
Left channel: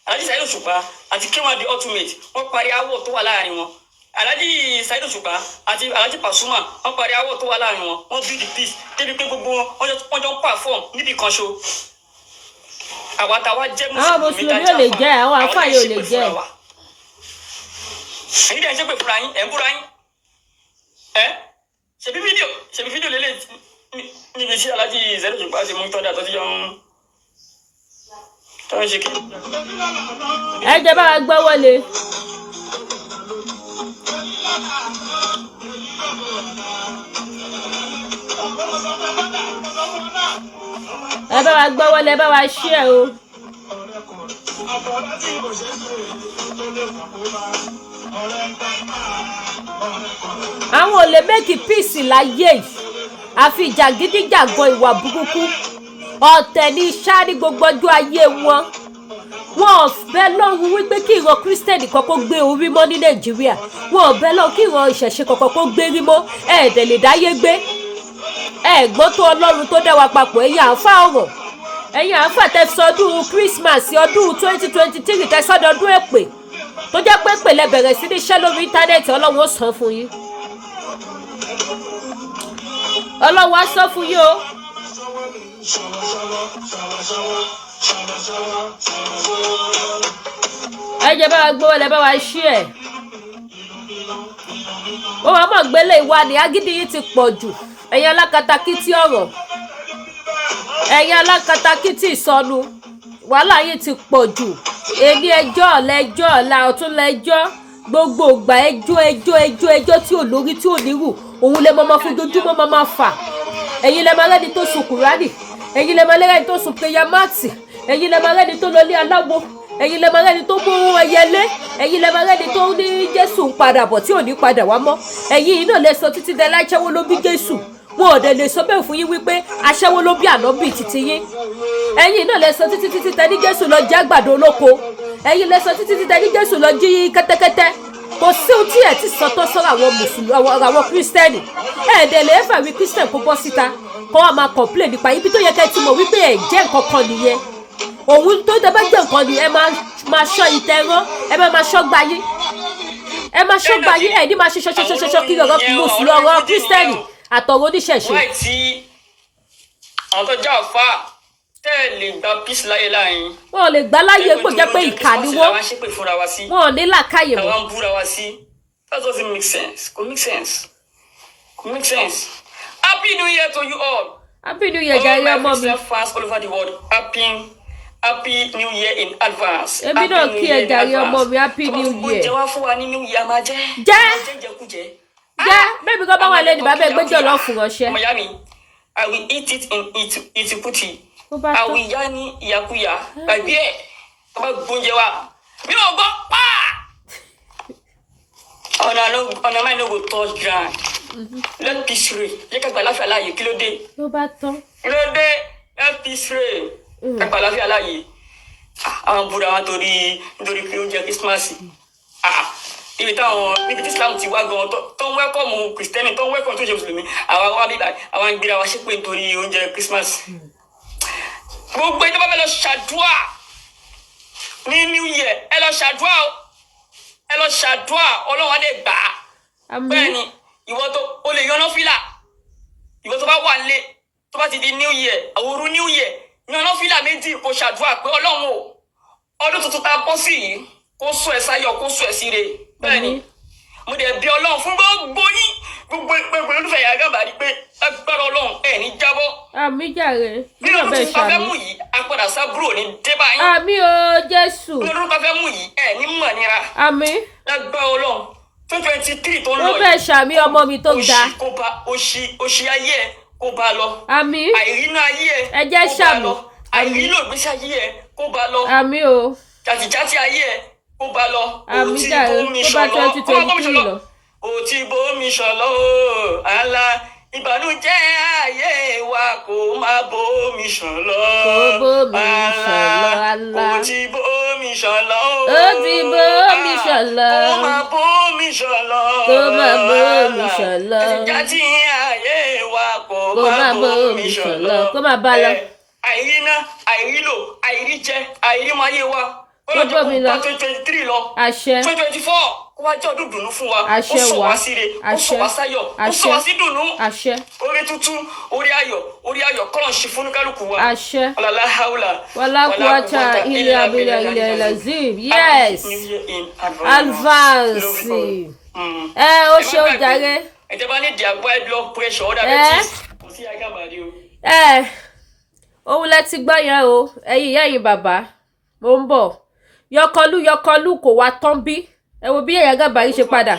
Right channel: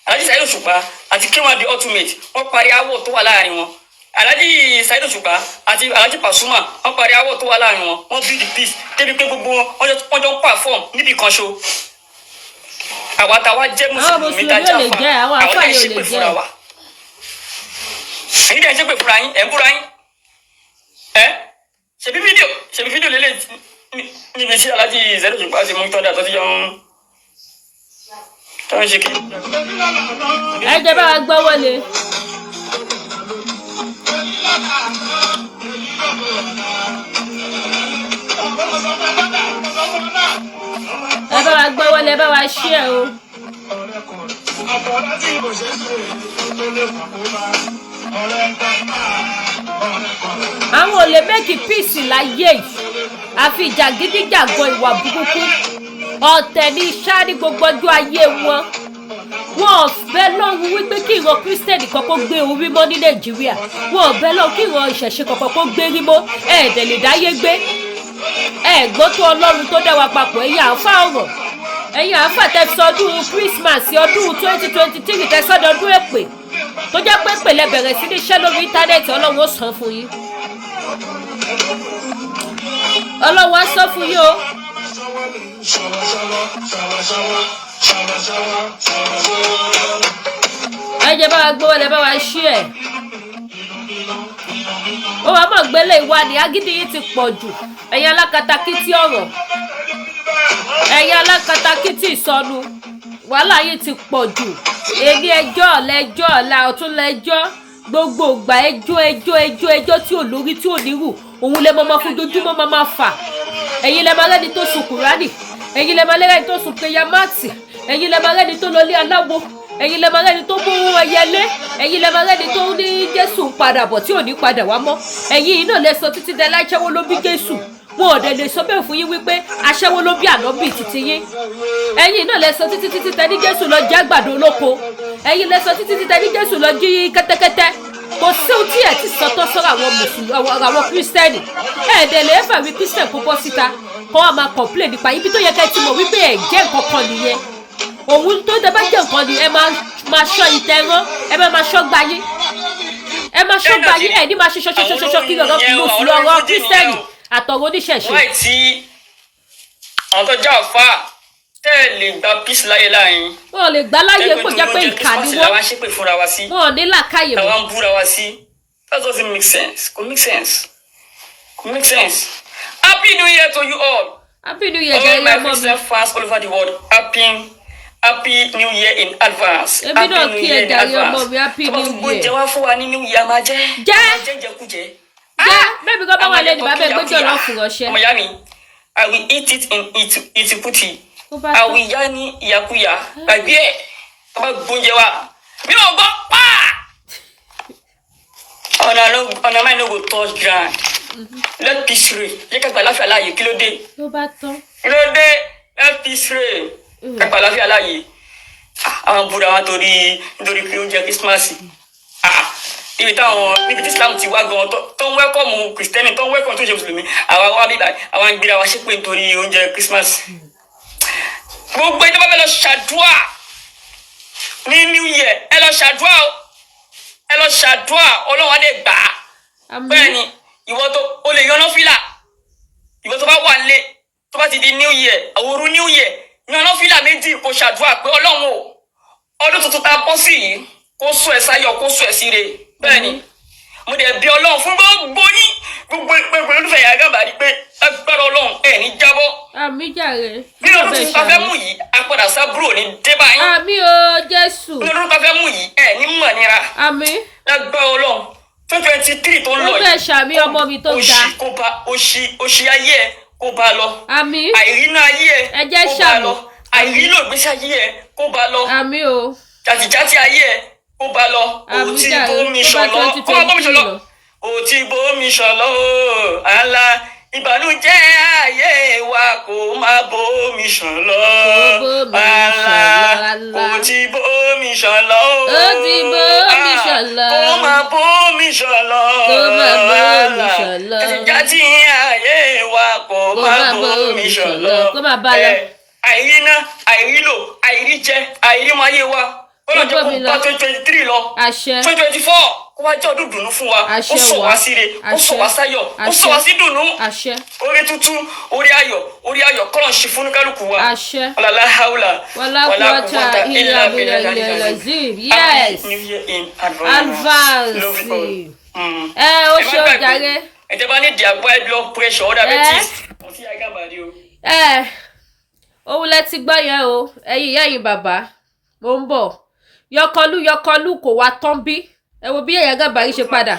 Alhaji Saheed Òṣùpá àti K1 the ultimate wọ́n parí áwọ̀ tó wà láàrin wọn. Alhaji Saheed Òṣùpá àti Alhaji Pasuma wọ́n parí áwọ̀ tó wà láàrin wọn. Wọ́n build the peace débi pé gbogbo wọn jọ ń perform níbi kan ṣo. Àwọn mùsùlùmí ò lè jẹ́ àwọn Alfa yóò lè jẹ́. Èyí dẹ̀ ń ṣépè fúnra yín ẹ̀ ń búra yín ṣebí fídíò lélẹ̀ níbi tí Alhaji Saheed Òṣùpá ti mú tọ́jà tó ti yọ tó ń ṣe kí. Ẹ jẹ́ bá wa gbọ́ wọlé. Ẹ bá wa gbọ́ wọlé, ẹ bá wa share o. Àwọn ò lè make peace láyé yìí àfi jàgídíjàgan ìwà burúkú ọ̀tẹ̀ ní iṣá ní gbogbo ọjọ́ ayé wọn. Wọn ò bẹ́ lọ́hùn wípé kí ìran Kírísítẹ́nì kankan gbé orí mọ́ ní Nàìjíríà. Wọn ò bẹ́ lọ́hùn kí ìran ìṣẹ̀ṣe kankan kó gbé rí mọ́ ẹ̀ẹ́dẹ̀ lè dáyé gbé. Ẹ̀gbọ́n tó Ọlọ́run tó dá wa papọ̀ ẹ̀yin Alfa ọ̀rọ̀ ẹ̀yin Alfa tẹ̀sọ́dún Christmas ọdún 2023 tẹ̀sọ́dún èpè tó jẹ́ pé pèlè bẹ̀rẹ̀ sí ní iṣẹ́ lórí íńtánẹ́ẹ̀tì Ọlọ́run ó san fún yín. Ọlọ́run á san fún yín o. Ẹ jẹ́ bá wa gbówó lẹ bá wa share. Ó wá mọ̀ gbélé ìwà ni agídí yìí ti pọ̀ jù. Ẹ̀yin alákatakítí ọ̀rọ̀ ẹ̀yin alákatakítí ìsọnù wàhálà yìí ti pọ̀ jù. Èní ẹjọ́ ọ̀lẹ́jọ́ ọ̀la ọ̀tún lẹ́jọ́ gbogbo ìgbà ẹjọ́ tí ò lórí tí ò nírù òun lè máa fún dojúmọ́ máa fà. Ẹ̀yin lè máa lẹ́ni tó sun Kùránì ẹ̀yin lè máa lẹ́ni tó sun péyàmáàtì ẹ̀yin lè máa lẹ́ni tó lọlé aláwo ẹ̀yin lè máa lẹ́ni tó mú ẹyẹlé ẹ̀yin lè máa lẹ́ni tó ní Jésù ń padà bọ̀ tí ò ní padà wá mọ́ ẹ̀yin yìí náà lè sọ títí dẹ láìṣẹ́wó ló bí Jésù wọn ò dẹ̀ lè sọ bẹ́ẹ̀ fún yín wípé aṣẹ́wó ló bí ànábì títí yín ẹ̀yin náà lẹ sọ títí tẹ ní Jésù lọ jẹ àgbàdo olóko ẹ̀yin lẹ sọ títí tẹ ní Jésù lọ jí kẹ́tẹ́kẹ́tẹ́ kò sí ohun tí ẹ ti sọ tó sọ́rọ̀ àwọn mùsùlùmí àwọn kírísítẹ́nì ẹ̀ẹ́dẹ̀ lè fà wí kírísítẹ́n kó bọ́ síta kó wá máa complain nípa ibi tó yẹ kẹ́ ti mọ̀ wípé ẹ̀ jẹ́ nǹkan kan nìyẹn òun tó dẹ́ bá jẹ́ nǹkan ni ẹ máa ṣọ́ ìtẹ̀rán ẹ máa ṣọ́ gbayé ẹ máa ṣọ́ gbayé ẹ ní máa ṣe ṣọṣọṣọṣọ kí ọ̀rọ̀ mùsùlùmí ọ̀rọ̀ kírísítẹ́nì àtọ̀rọ̀ oníṣẹ̀ṣe. wáì tí àwọn tó já ọ̀fà tẹ́ ẹ lè gba peace láyé láàyè. wọn ò lè gbá láyé kó jẹ́ pé ìkà ni wọ́n wọn ò ní làákàyè mọ́. àwọn búra wa sí that doesn't make sense kò make sense kò make sense. Happy New Year to you all. Happy New Year jẹ́ ilé ọmọ mi. all my fans all over the world happy New Year in advance. èmi náà kí ẹ jàre ọmọ mi Happy New Year. jẹ́ wá fún wa ní New Year máa jẹ́. jẹ́ bẹ́ẹ̀ bí kò bá wà lẹ́nu bàbá ẹgbẹ́ jọ̀ lọ́ fún ránṣẹ́. ọmọ yá mi I will eat it in itiputi. I will yá ní ìyàkúyà gbàgbé ẹ̀ ọba gbóúnjẹ wa mi ò gbọ́ pa. ọ̀nà máa ń go touch ground. Let peace reign. Jẹ́ ká gba àlàáfíà láàyè kí ló dé. ló bá tán. kí ló dé let peace reign. ká gba àlàáfíà láàyè. àwọn búra wa nítorí pé oúnjẹ Christmas. níbi tí Islam ti wá gan tó ń wẹ́kọ̀mù Kristẹni tó ń wẹ́kọ̀mù tó ń ṣe Mùsùlùmí àwa wá bíbá àwa ń gbéra wa ṣépè nítorí oúnjẹ Christmas. gbogbo ìjọba fẹ́ lọ ṣàdúrà ní New Year ẹ lọ ṣàdúrà Ọlọ́run á dé gbà á. bẹ́ẹ̀ ni ìwọ tó o lè yọná fìlà ìwọ tó bá wà nílé tó bá ti di New Year àwòrú New Year yọná fìlà méjì kó ṣàdúrà pé Ọlọ́run o ọdún tuntun tá a bọ́ sí yìí kó sọ ẹ sáyọ̀ kó sọ ẹ síre bẹ́ẹ̀ ni mo dẹ̀ bí Ọlọ́run fún gbogbo yín gbogbo olùfẹ́ Yaya Gambari pé agbára Ọlọ́run ẹ̀ ní jábọ́. àmì jàre nínú ọdún tuntun tá a fẹ́ mú yìí apàdà sábúrò ní débà yín. àmì o Jésù. nínú ọdún tá a fẹ́ mú yìí ẹ̀ ní mọ̀ nira. àmì. agbára Ọlọ́run 2023 tó ń lọ yìí. ó fẹ́ ṣàmì ọmọ mi tó ga. òṣì ayé ẹ kó bá lọ. àmì. àìrínà ayé ẹ jẹ́ kó bá ṣàmì. lọ. àìrínà ìgbésí ayé ẹ kó bá lọ. àmì o. jàtìjàtì ayé ẹ kó bá lọ. àmì jàre tó bá 2023 lọ. ó ti bómi ṣọlọ o àlà ìbànújẹ́ ayé wa kó má bómi ṣọlọ. kó bómi ṣọlọ àlà. ó ti bómi ṣọlọ o. ó ti bómi ṣọlọ. kó má bómi ṣọlọ. kó má bómi ṣọlọ. jàtìjàtì ayé wa kó má má bómi bómi ṣọlọ. ṣọlọ. kó má bá lọ. àìríná àìrílò àìríjẹ àìrímọ ayé wa kó bómi lọ. 2023 lọ. àṣẹ. 2024 kó wá jẹ́ ọdún dùnú fún wa. àṣẹ ó sọ wá. wá síre ó sọ wá sáyọ̀ ó sọ wá sí dùnú. àṣẹ. orí tuntun orí ayọ̀ kọ́lọ̀ ṣe fún kálukú wa. àṣẹ. ọ̀làlá haúlà. wàlá kúwàtà ilẹ̀ abilẹ̀ ilẹ̀ lazim yes advance ó ṣe ó jàre. ẹ̀jẹ̀ bá ní diabetes blood pressure ọ̀dà bẹ́tì kò sí Yaya Gambari o. òun lẹ ti gbọ́ yẹn o ẹ̀yin bàbá mo ń bọ̀ yọkọlú kò wá tán bí ẹ wo bí Yaya Gambari ṣe padà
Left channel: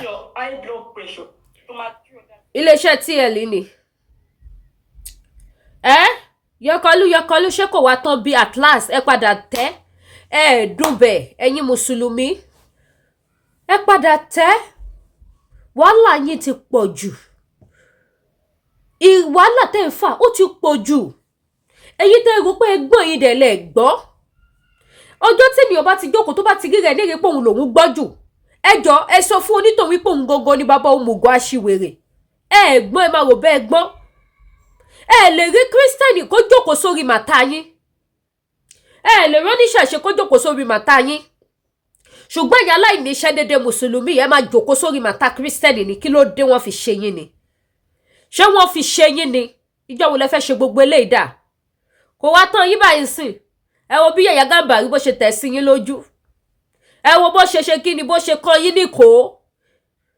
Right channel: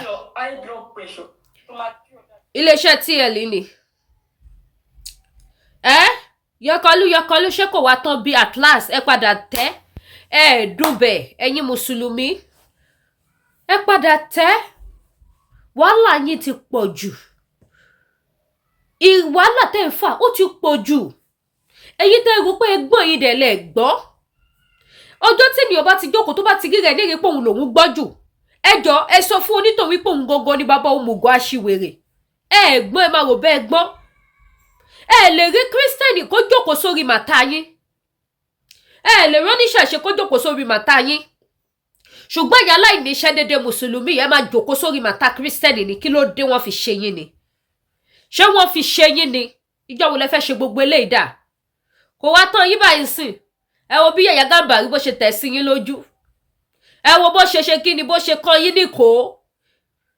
iléeṣẹ́ TL ni yọkọlú ṣé kò wá tán bí at last ẹ padà tẹ́ ẹ dùnbẹ̀ ẹ̀yin mùsùlùmí ẹ padà tẹ́ wàhálà yín ti pọ̀ jù wàhálà tẹ́ ń fà ó ti pọ̀ jù èyí tẹ́ rò pé ẹgbọ́n yìí dẹ̀ lẹ̀ gbọ́ ọjọ́ tí ènìyàn bá ti jókòó tó bá ti rí rẹ̀ ní èrè pé òun lòún gbọ́ jù ẹjọ́ ẹ sọ fún onítàn wípé òun gangan ni bàbá òmùgọ̀ aṣiwèrè ẹ gbọ́n ẹ máa rò bẹ́ẹ̀ gbọ́n ẹ lè rí kírísítẹ́nì kó jókòó sórí màtá yín ẹ lè rí oníṣẹ̀ṣe kó jókòó sórí màtá yín ṣùgbọ́n ìyá aláìníṣẹ́ dédé mùsùlùmí ẹ máa jókòó sórí màtá kírísítẹ́nì ni kí ló dé wọ́n fi ṣe yín ni ṣé wọ́n fi ṣe yín ni ìjọ wo lẹ fẹ́ ṣe gbogbo eléyìí dà kò wá tán yín báyìí sìn ẹ wo bí Yaya Gambari bó ṣe tẹ̀ sí yín lójú ẹ wo bó ṣe kí ni bó ṣe kàn yín níkò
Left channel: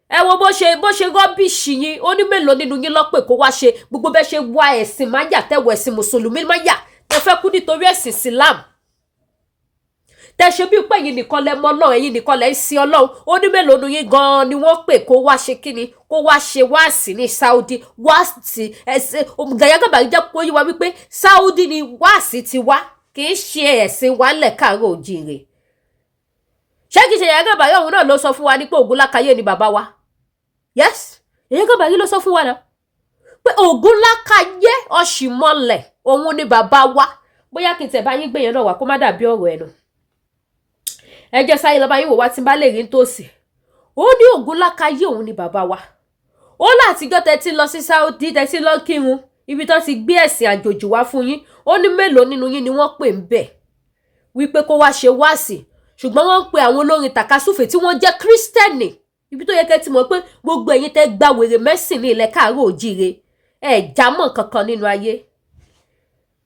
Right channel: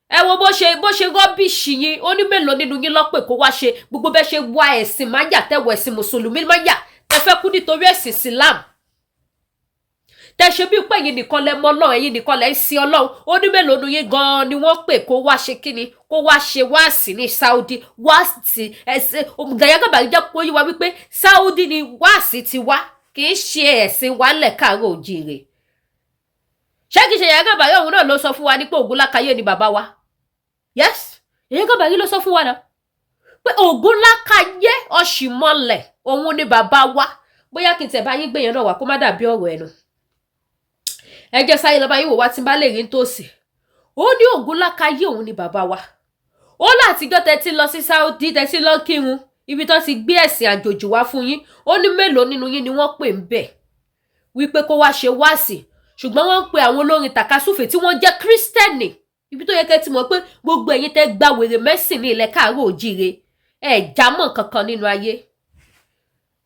ẹ wo bó ṣe rọ́bìṣì yín ó ní mélòó nínú yín lọ́pẹ̀ kó wá ṣe gbogbo bẹ́ẹ̀ ṣe wá ẹ̀sìn máyà tẹ̀wọ̀ ẹ̀sìn mùsùlùmí máyà tẹ fẹ́ kú nítorí ẹ̀sìn Islam tẹ ṣe bí pé ẹ̀yin nìkan lẹ mọ̀ Ọlọ́run ẹ̀yin nìkan lẹ ń sin Ọlọ́run ó ní mélòó nínú yín gan-an ni wọ́n pè kó wá ṣe kí ni kó wá ṣe wáàsí ní Saudi wáàsí ẹ̀sìn Yaya Gambari jẹ́ kó yí wa wípé Saudi ni wáàsí ti wá kì í ṣe ẹ̀sìn wa ńlẹ̀ káàárọ̀ òjíire ṣé kìí ṣe Yaya Gambari ọ̀hún náà ló sọ fún wa ní pé Ògúnlákayé ni bàbá wa yes Yaya Gambari ló sọ fún wa náà pé Ògún lákàyé Ọ̀ṣìmọ̀lẹ̀ òun ni bàbá wa. Bóyá kí n tẹ̀ bá yín gbé yẹn náà wá kó má dàbí ọ̀rọ̀ ẹnu. Ẹ jẹ́ sáyé lọ bá yín wò wá tí n bá lè rí nítòsí. Ó ní Ògún lákàyé òun ni bàbá wa. Ó látijọ́ tẹ́tí lọ sí Saudi tẹ́tí lọ kírun ibi tó ti gbé ẹ̀sìn àjòjì wá fún yín. Ó ní mélòó nínú yín ni wọ́n pè ń bẹ̀ wípé kó wá ṣe wáàsí, ṣùgbọ́n wọ́n ń pe àwọn olórin tàkasúfè tí wọ́n jẹ́ kírísítẹ́nì. Ibi tó yẹ kẹ́ ti mọ̀ pé gbogbo ẹ̀yin tẹ́ gba wèrè mẹ́sìn ní ilẹ̀ káàárọ̀ òjíire ẹ̀ jámọ́ kankan nínú ayé.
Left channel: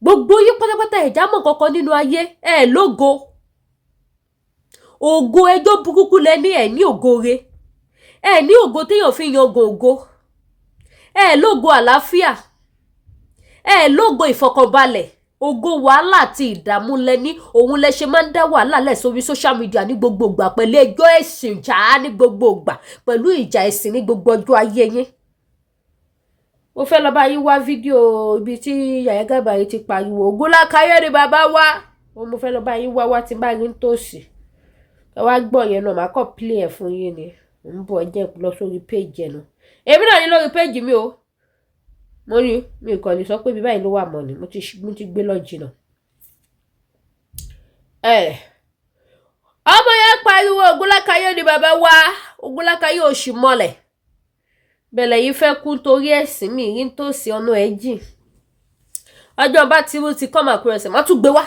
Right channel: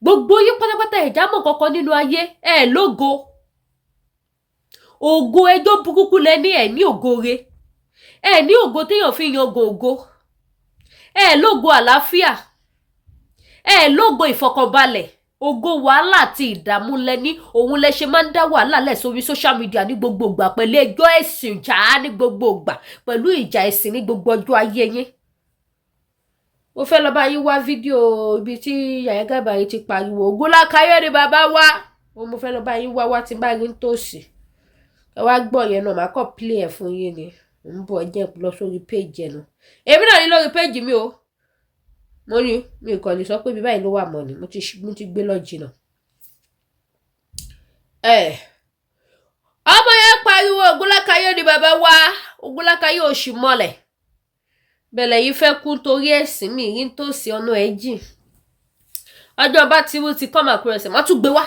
Gbogbo yín pátápátá ẹ̀ jámọ́ kankan nínú ayé, ẹ̀ lógo. Ògo ẹjọ́ burúkú lẹ ní, ẹ̀ ní ògo re. Ẹ̀ ní ògo téèyàn fi yan ògo. Ẹ̀ lógo àlàáfíà. Ẹ̀ lógo ìfọkànbalẹ̀. Ògo wàhálà àti ìdààmú lẹ́ni, òun lẹ ṣe máa ń dá wàhálà lẹ̀ sórí social media ní gbogbo ìgbà pẹ̀lú ẹjọ́ ẹ̀sìn jà ní gbogbo ìgbà pẹ̀lú ìjà ẹ̀sìn ní gbogbo ọjọ́ ayé yín. Mo fẹ́ lọ bá yín wá fídíò ibi tí Yaya Gambari ti pariwo Ògún lákàyé ni bàbá wa. Mo fẹ́ lọ bá yín wá tí n bá rí nítòsí. Ẹ wá gbọ́ yẹn náà, màá kọ́ play ẹ̀ fún yín ni. Ń bọ̀ jẹ́ lọ sórí page ẹ̀ náà. Èmi náà ní lórí page mi o. Mo ní mi kò lè sọ pé bí báyìí ló wà mọ́ ni, mo ti gbé lọ jìnnà. Ọmọ yẹn pariwo Ògún lákàyé ni bàbá wa, Ògún lákàyé Ọ̀ṣìmọ̀lẹ̀. Bẹ̀lẹ̀ yìí fẹ́ kú torí ẹ̀sìn mi rí nítòsí ọ̀nà ẹ̀ jìn. Ọjọ́ bá ti come across ẹ̀, màá tún gbé wá.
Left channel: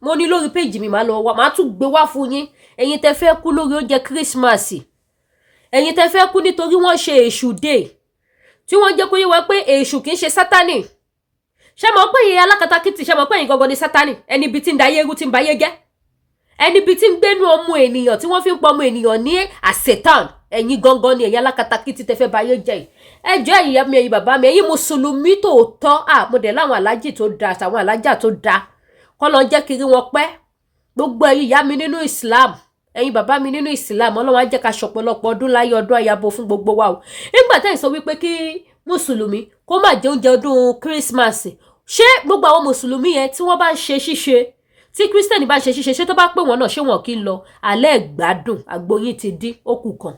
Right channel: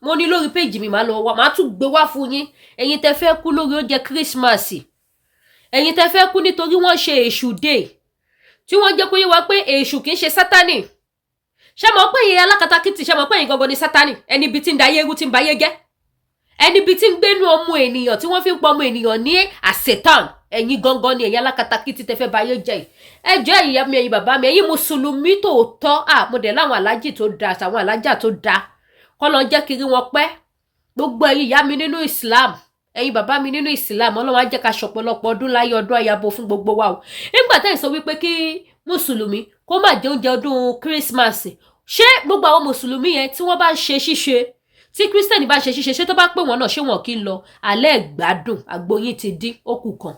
Mo ní lórí page mi, màá lọ wá, màá tún gbé wá fún yín. Ẹ̀yin tẹ́ fẹ́ kú lórí oúnjẹ Kírísímàsì. Ẹ̀yin tẹ́ fẹ́ kú nítorí wọ́n ṣe èṣù dé. Tí wọ́n jẹ́ kó yé wa pé èṣù kìí ṣe Sátánì. Ṣé mọ̀ pé ìyẹn alákatakítí, ṣé mọ̀ pé ìyẹn gangan ni Sátánì? Ẹni bí tí ń da ayé rú tí ń ba ayé jẹ́. Ẹni bí tí ń gbénú ọmọ ènìyàn tí wọ́n fi ń pọ ọmọ ènìyàn ní àṣetán. Ẹ̀yin gangan ni ẹ̀yin alákatakítí tẹ́ fẹ́ ba ayé jẹ́ yìí. Ẹ jọ̀ọ́ ẹ̀yin ìyá mi, ẹ̀yin bàbá mi, ẹ̀yin mùsùlùmí tòótọ́. Mo dẹ̀ láwọn alájì tó da àtàwọn alájà tó da. Kọ́ lọ jẹ́ kiri wọn pẹ́. Gbogbo ẹ̀yin ìyá mi nínú Islam, ẹ̀yin bàbá mi nínú Islam, Ọlọ́run á jẹ́ ká ṣọ̀pọ̀lọpọ̀ ọdún láyé, ọdún àyàbọ̀ fún gbogbo wa o. Nígbà tẹ́ ẹ̀ sọ wípé kí mùsùlùmí kó má jẹ oúnjẹ ọdún Kírísímàsì, ṣé gbogbo àwọn mùsùlùmí yẹn tí wọ́n bá ń ṣe ṣíṣe, tí kírísítẹ́nì bá ń ṣe ṣíṣe, ṣé tó bá pè wọ́n náà ṣé wọn kì í lọ? Alẹ́ ìgbádùn àgbóyin ti dín òkú kan.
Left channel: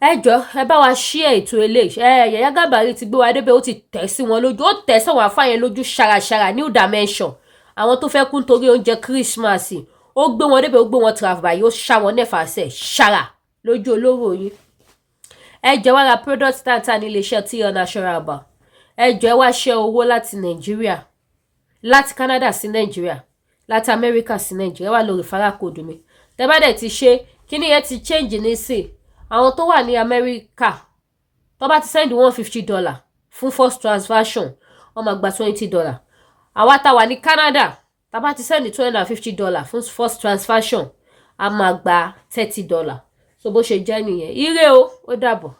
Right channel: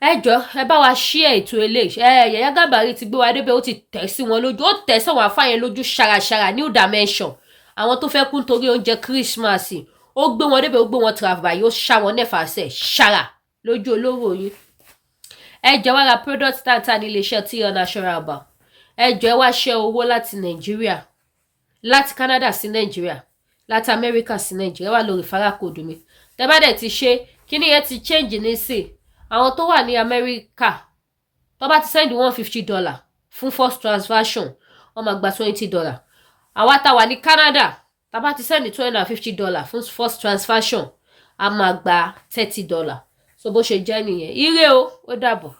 Ẹ jọ̀ọ́ ẹ bá wa share ètò eléyìí. Yaya Gambari ti gbé wa débẹ̀, ó ti tẹ̀ sí wọn lójú, ó tẹ̀ sáwọn àfáà yẹn lójú ṣàràṣàrà, new dimension. Àwọn tó fẹ́ kú nítorí oúnjẹ Kírísímàsì, ó gbé wọn débẹ̀, ó gbé wọn travel báyìí, ó ṣá wọn nẹ́fàṣẹ̀ ṣàrà lójú olóró yín. Ẹ jọ̀ọ́ wá ra product tàǹtà ní iléeṣẹ́ tí Natural Bar. Ẹ jọ̀ọ́ ẹ wá ṣẹ́ owó láti Nàìjíríà, láti Canada sí Nàìjíríà, láti America sí Nàìjíríà, wá lórí farakóòdù mi. Tẹ́ bá dẹ̀ ti ṣe, kíní yẹn ti change nísìn. Àwọn tó wà ní America, tó bá ti send $150 fún first transaction, wọ́n máa gba $20. Àwa tá wà ní Canada, tá bá ti send $250 fún first transaction, a máa gba $30. So bó ṣe jẹ́ nìyẹn. Ire o, ó dàbọ̀.